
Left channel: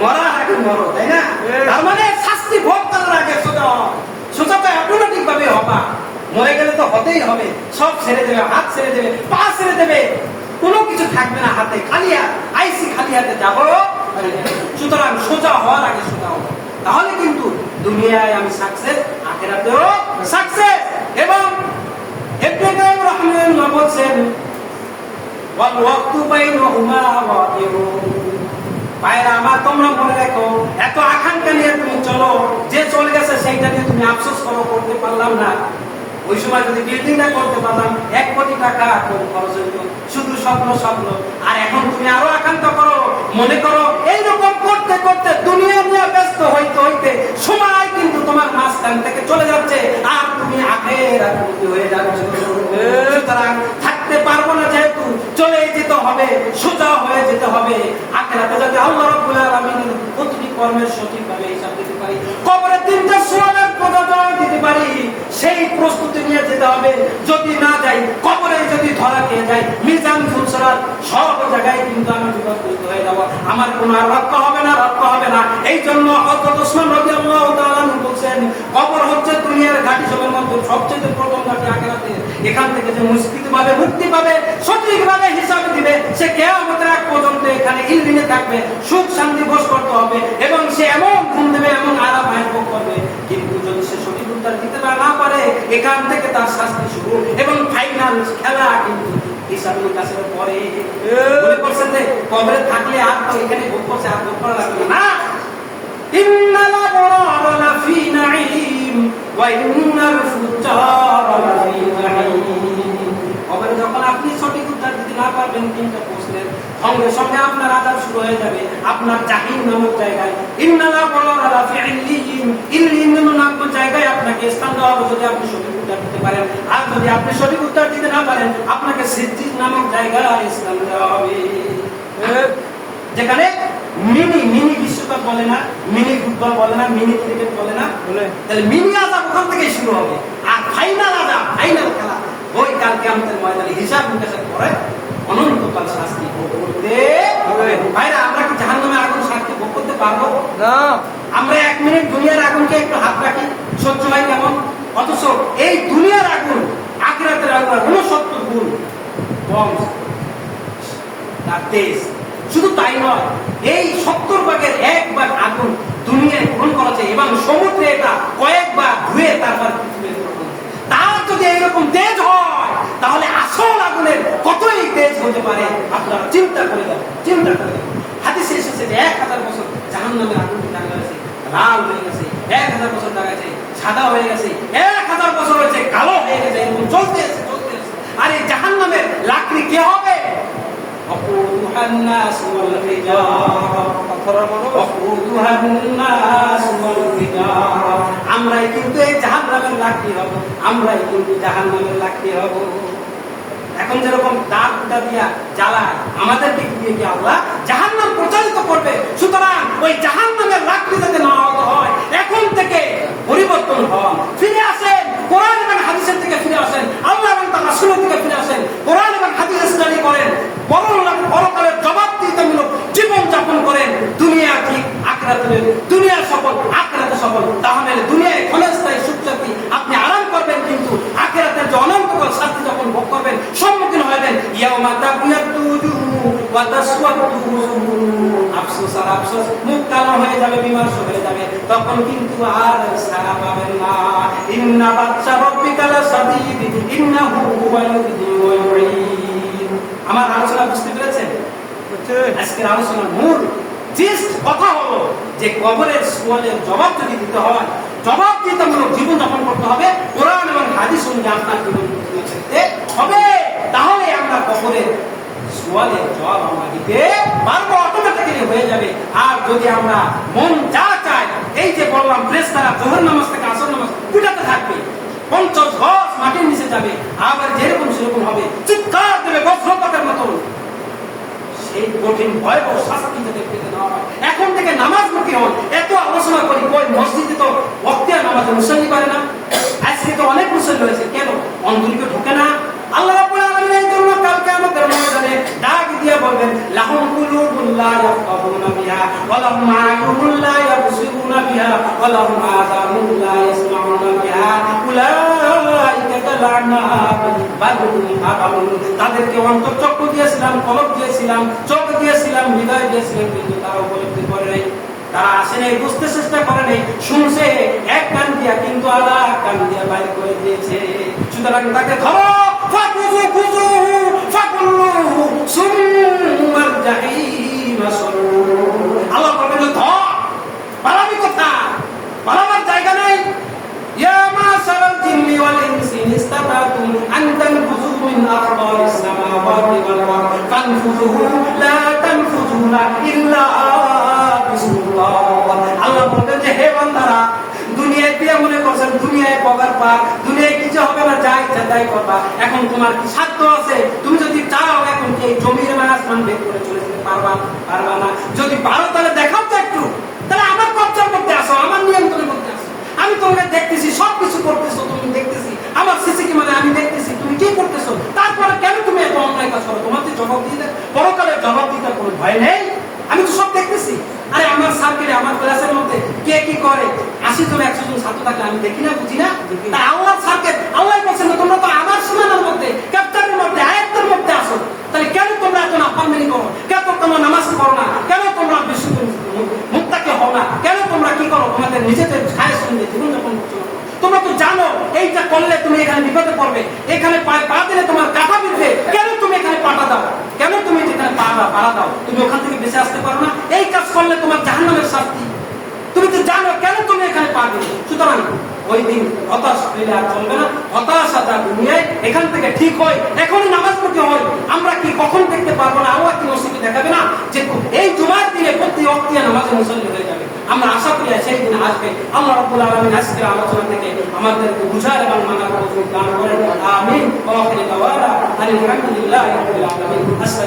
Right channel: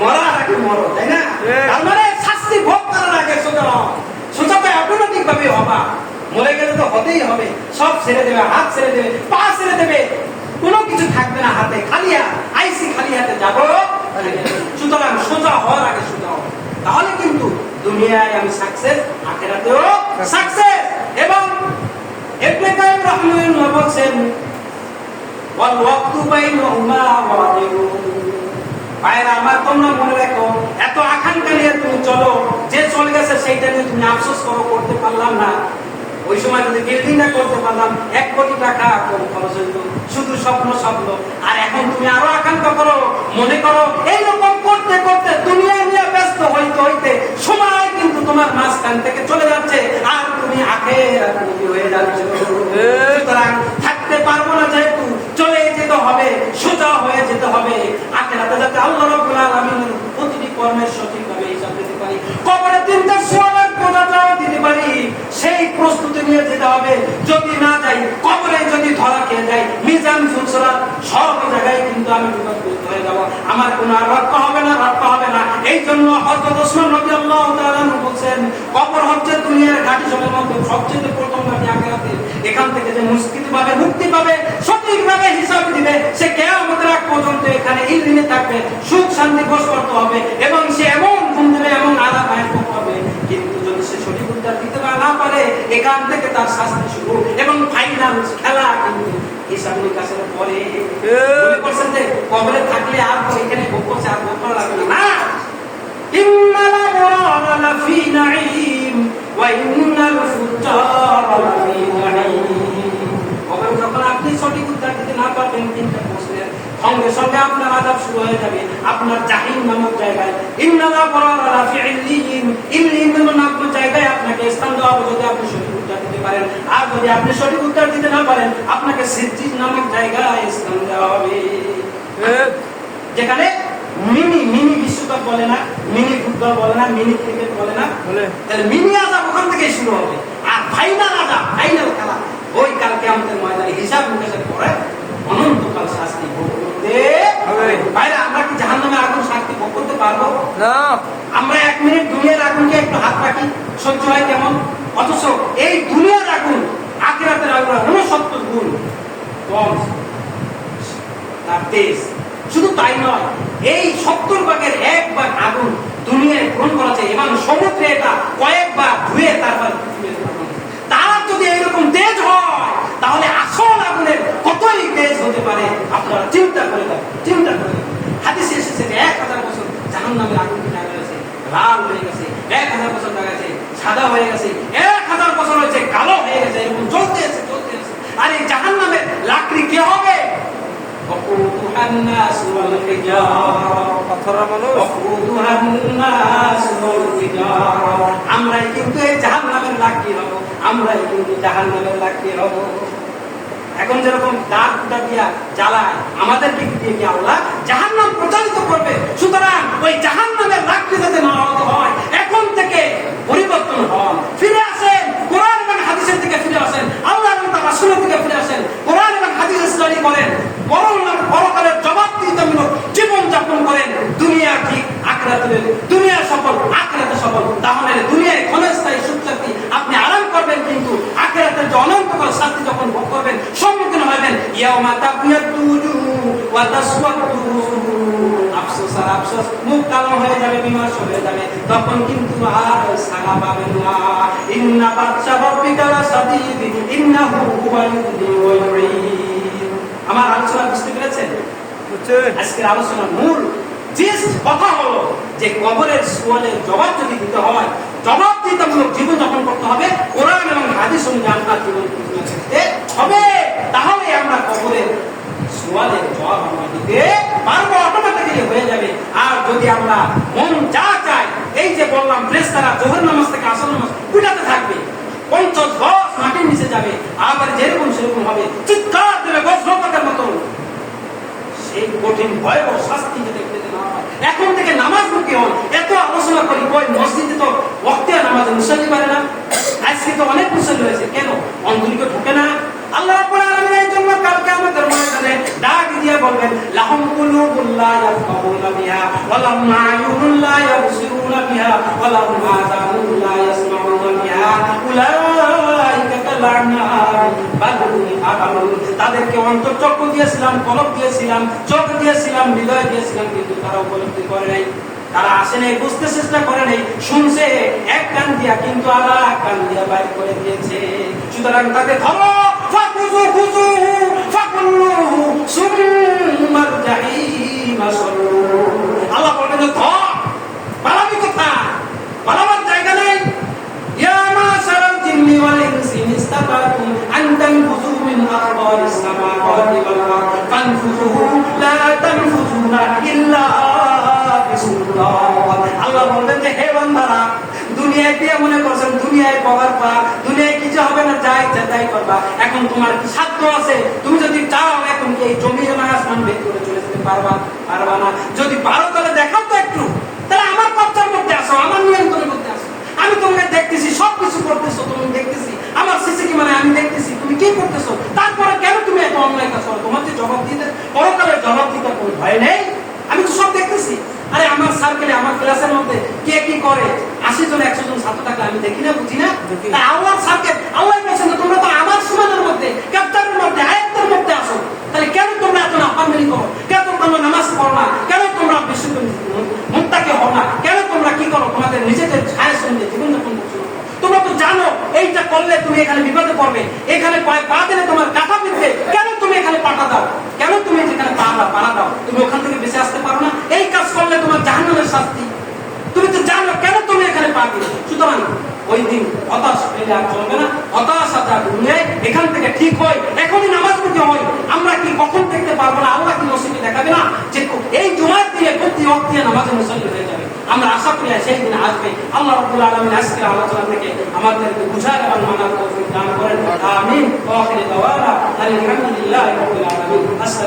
মরার আগে মরো, তাই না? তার মানে শাস্তি ভোগ করার আগে সোজা, সোজাটা অটোমেটিক ভাবে হবা। মরে গেলে তো হতেই হবে, সব ছেড়ে দেবে, হাত ছেড়ে দেবে, পা ছেড়ে দেবে, কোনো কিছু থাকবে না হাতে, খালি হাত, আইসি খালি হাতে যাবো। সুতরাং সোজা হওয়ার আগে সোজা হবে, তাহলে কিন্তু দুনিয়ায় আমি সাকসেস, আখিরাতেও সাকসেস। এবং ইবনে কাইয়িম রাহিমাহুল্লাহ বলেন, ওয়াল ওয়াক্তু বাইনাহুমা ওয়াদিরুন। ভাইরা আমার, তোমরা মনে রাখো, এত আকাঙ্ক্ষা নিয়ে তুমি চলো, যে চলে গেছে সেইটা নিয়ে তুমি আফসোস করো, করতে পারলাম না। ওই সময় যদি বিল্ডিংটা করতে পারলাম, 1 কোটি টাকা কম খরচ হইতো, শুধু স্বপ্ন। আর এখন তুমি আরো আকাঙ্ক্ষা করো, মনে করো এইরকম করতে করতে দুনিয়া নিয়ে ব্যস্ত হইতে সময় কিন্তু তোমার মাঝখান থেকে চলে যাচ্ছে, আর তুমি আখিরাতমুখী হয়ে যাচ্ছ। সুতরাং থাকতে পারবো না, যেহেতু চলে যেতে হবে, সোজা হয়ে যেতে হবে। আখিরাতে যাতে আল্লাহ রাব্বুল আলামিনের প্রতিটি কর্মের সঠিকভাবে হিসাব দিতে পারি, কবরে 3টা সোয়ালের জবাব দিতে পারি, সেই প্রস্তুতি নিয়ে যেতে হবে। যদি না যাই, কবরে যদি ধরা খেয়ে যায়, মিজান ফুলসরাত সব জায়গায় কিন্তু আমি বিপদগ্রস্ত হয়ে যাব, আমার কোনো আর রক্ষা হবে না। এই জন্য হযরত ওসমান রাদিয়াল্লাহু তাআলা বলেন, কবর হচ্ছে দুনিয়ার ঘাঁটি সবের মধ্যে সবচেয়ে প্রথম ঘাঁটি আখিরাতে। এখান থেকে যে মুক্তি পাবে, সঠিকভাবে হিসাব দিবে, সে কিয়ামতের আগ পর্যন্ত এখানে ইলমে থাকবে, সুখ শান্তি ভোগ করতে হবে, এবং সে এমন ঘুম দেবে, এমন আরাম ভোগ করবে। কিন্তু যদি সে সঠিক উত্তর দিতে না পারে, এখান থেকে তার শাস্তি শুরু, এবং ফাইনাল খেলা কিন্তু হিসাবের কাছে পরে। মনে করছেন যে কবরে থাকলে আর তো এখানে ভোগ করছে, আর ভোগ করা লাগবে না। ইন্নাল আবরারা লাফি নাঈম ওয়া ইন্নাল ফুজ্জারা লাফি নাঈম। কবরে যখন আপনি সঠিক উত্তর দিতে না পারবেন 3টা প্রশ্নের, সঙ্গে সঙ্গে আপনার আযাব শুরু হয়ে যাবে, আপনার জাহিম নামক জায়গায়। ইন্নাল আবরারা লাফি ইল্লিয়িন, ইল্লিয়িন নামক জায়গায় আপনাকে স্থান দেওয়া হবে যদি আপনি সঠিক উত্তর দিতে পারেন। আর যদি আপনি সঠিক উত্তর দিতে না পারেন, আপনাকে সিজ্জিন নামক জায়গায় স্থান দেওয়া হবে, যেখানে মিনি বিশ্বকাপ বলে না, মিনি ফুটবল বলে না, মিনি ক্রিকেট বলে না, তাহলে মিনি আযাব ওখান থেকে শুরু হবে। আর ফাইনাল আযাব, ফাইনাল খেলা, ওই কাল কিয়ামতের ময়দানে হিসাব নিকাশের পরে অনন্তকাল শাস্তি ভোগ করতে হবে। ভাইরা, আমরা কি জাহান্নামের আগুন শাস্তি ভোগ করতে পারবো না? আমরা 1 মিনিট দুনিয়ার আগুনকে একটু হাত রাখি, সহ্য হয় কেমন? অথচ এই দুনিয়ার আগুন আখিরাতের আগুন কম তার তেজ। শুধু তাই নয়, এই 70 ভাগের 1 ভাগ আগুন দুনিয়ায় গ্রহণ করা যায় এবং সমুদ্রে এটা কয়েকবার ধুয়ে তারপর তার যদি এইরকম তেজ হয় তাহলে আসল আগুনের কতই তেজ হতে পারে আপনারা চিন্তা করে দেন, চিন্তা করে। হাদিসে এসেছে 1000 বছর জাহান্নামের আগুন লাগাইছে, লাল হয়ে গেছে, 1000 বছর লাগাইছে সাদা হয়ে গেছে, 1000 বছর হয়েছে কালো হয়ে গেছে, এরকম চলতে আছে। আর এই জাহান্নামের লাকড়ি কে হবে? আমরাই কিন্তু এই জাহান্নামের লাকড়ি হব, আমরাই কিন্তু জাহান্নামের লাকড়ি হব। এখন যেরকম দাঁত কুটা দিয়া জ্বালায় আমাদের দিক দিয়ে কি আল্লাহ জাহান্নাম প্রচারিত করবে। সুতরাং ওই জাহান্নামের লাকড়ি যাতে না হতে হয়, এখন থেকে পরিবর্তন হন, ফিরে আসেন কোরআন এবং হাদিসের দিকে, ফিরে আসেন আল্লাহ এবং তার রাসূলের দিকে, ফিরে আসেন কোরআন এবং হাদিস স্টাডি করেন, পরকালের জবাবদিহিতামূলক জীবন যাপন করেন। দুনিয়া ঠিক আখিরাতে, দুনিয়া সফল আখিরাতে সফল। তাহলে দুনিয়ায় ক্ষণস্থায়ী সুখ শান্তি আপনি আরাম করবেন, কিন্তু আখিরাতের যে অনন্তকাল শান্তি যখন ভোগ করবেন সম্মুখীন হবেন ইয়াউমা তাবিয়াতু উজুহু ওয়া তাসওয়াদু উজুহু। আফসোস আর আফসোস, মুখ কালো হয়ে যাবে, বিমর্ষ হয়ে যাবে, তখন কিন্তু আর সাড়া পাবেন না। ইন্না বাতশা রাব্বিকা লাশাদীদ ইন্নাহু হুয়াল মুযীব। আমার আলোচনা বুঝতে পেরেছেন? আজকের আলোচনার মূল কথা হলো যে কবরের সুয়ালের জবাব যদি দিতে হয়, জবাবদিহিতামূলক জীবন যাপন করতে হবে কোরআন এবং হাদিস অনুযায়ী আপনার জীবন করতে হবে। তাহলে আমরা কবরের সুয়ালের জবাব আমরা দিতে পারবো, অটোমেটিক্যালি হয়ে যাবে। আর যদি আমরা মন যা চাই, এই যে বললাম ফেরেশতারা যোহর নামাজ থেকে আসর নামাজ কুটাতে থাকবে, 50 গজ মাটির নিচে যাবে, আবার যেরকম সেরকম হবে, চিৎকার দেবে গজরকাতের মতো। এই কঠিন ভয়াবহ শাস্তি যাতে পেতে না হয়, এখন থেকে নামাজমুখী হন। এত আলোচনা করি, ওই মসজিদে তো ওয়াক্তিয়া নামাজে মুসল্লি পারে না। আজকে তো অনেক মুসল্লি হয়েছে, কেন? অন্ধলিকে ঢোকে না। আল্লাহ রাব্বুল আলামিন এই জন্য কালকে আমাদের ময়দানে ডাক দিয়ে বলবেন লাহুম কুলুবুন লা ইয়াফকাহুনা বিহা ওয়া লাহুম আ'য়ুনুন লা ইয়াবসিরুনা বিহা ওয়া লাহুম আযানুন লা ইয়াসমাউনা বিহা উলাইকা কালা'নাম বাল হুম আদালুন। তাদেরকে অন্তরচক্ষু দিয়েছিলাম, কলব দিয়েছিলাম, চোখ দিয়েছিলাম, হৃদয় দিয়েছিলাম, কিন্তু তারা উপলব্ধি করে নাই, তারা আসে নাই, বুঝতে চেষ্টা করে নাই, শুনছে এক কান দিয়া কিন্তু আর এক কান দিয়া বাইর করে দিয়েছে। সুতরাং তাকে ধরো, ফাকুযু খুযু ফাকুল্লুহু সুম্মার জাহিম সাল্লু। আল্লাহ বলেন ধর, পালাবি কোথায়? পালাবার জায়গা নাই। ইয়া মাশারাল জিন্নি ওয়াল ইনসি ইসতাতাতুম আন তানফুযু মিন আরদাইস সামাওয়াতি ওয়াল আরদ ফানফুযু লা তানফুযুনা ইল্লা বিসমিল্লাহ। আল্লাহ বলেন যে হে বান্দারা, দুনিয়ায় কি মনে করছেন দুনিয়ায় পাওয়ার পা, দুনিয়ায় কিছু হবে না, যাই তাই করবা। এখন তোমার কি সাধ্য আছে? তুমি যদি চাও এখন কি এই জমির আসমান বের করে চলে যেতে পারবা? পারবা না। যদি পারো তাহলে দেখাও তো একটু, তাহলে আমার কবজার মধ্যে আসো, আমার নিয়ন্ত্রণের মধ্যে আসো। আমি তোমাকে দেখতেছি, সবকিছু করতেছো, তুমি দেখতেছি, আমার সিসি কি মানে আমি দেখতেছি তুমি কি করতেছো, তারপরে কেন তুমি এত অন্যায় কাজ করো? তোমার যে জবাব দিতে পরকালের জবাব দিতে কোনো ভয় নেই? আমি তো সব দেখতেছি। আরে আমার সার্কেলে, আমার ক্লাসের মধ্যে কে কি করে, 80 জন 100 জন ছাত্র থাকলে আমি দেখি না, বুঝি না? তা আল্লাহর সার্কেল, আল্লাহ বলছেন তোমরা তো আমার সীমানার মধ্যে, ক্যাপ্টারের মধ্যে, আয়াতের মধ্যে আসো। তাহলে কেন তোমরা এত নাফরমানি করো? কেন তোমরা নামাজ পড়ো না? কেন তোমরা বেশি মুত্তাকি হও না? কেন তোমরা কি করো? তোমাদের নিজেদের ছায়া সঙ্গে জীবন যাপন করছো না? তোমরা তো জানো এইটা করলে তুমি এখানে বিপদে পড়বে, এখানে পা দিলে তোমার কাঁটা বিঁধবে, কেন তুমি এখানে পাটা দাও? কেন তুমি যেখানে পাড়া দাও? তুমি ওখান থেকে বেঁচে আসতে পারো না? এই কাজ করলে তোমার জাহান্নামের শাস্তি, তুমি তো জানো, কেন তুমি এখানে পা দিলে? সুতরাং ওই দিন হতাশ হইলে আর চলবে না। হতাশা যা দুনিয়ায়, এখান থেকে ঠিক হয়, এখনই নামাজ পড়তে হয়। আমরা কি কখন দেখতে পারবো না? আল্লাহ কি নসিবে দেখাবে না যে এই জুমার দিনে প্রতি ওয়াক্তিয়া নামাজে মুসল্লি হয়ে যাবে? আমরা আশা করি সেই দিন আসবে। আল্লাহ রাব্বুল আলামিন আজকের আলোচনা থেকে আমাদেরকে বুঝার এবং মানার তৌফিক দান করেন। আমিন। ওয়া আখিরু দাওয়ানা আলহামদুলিল্লাহি রাব্বিল আলামিন।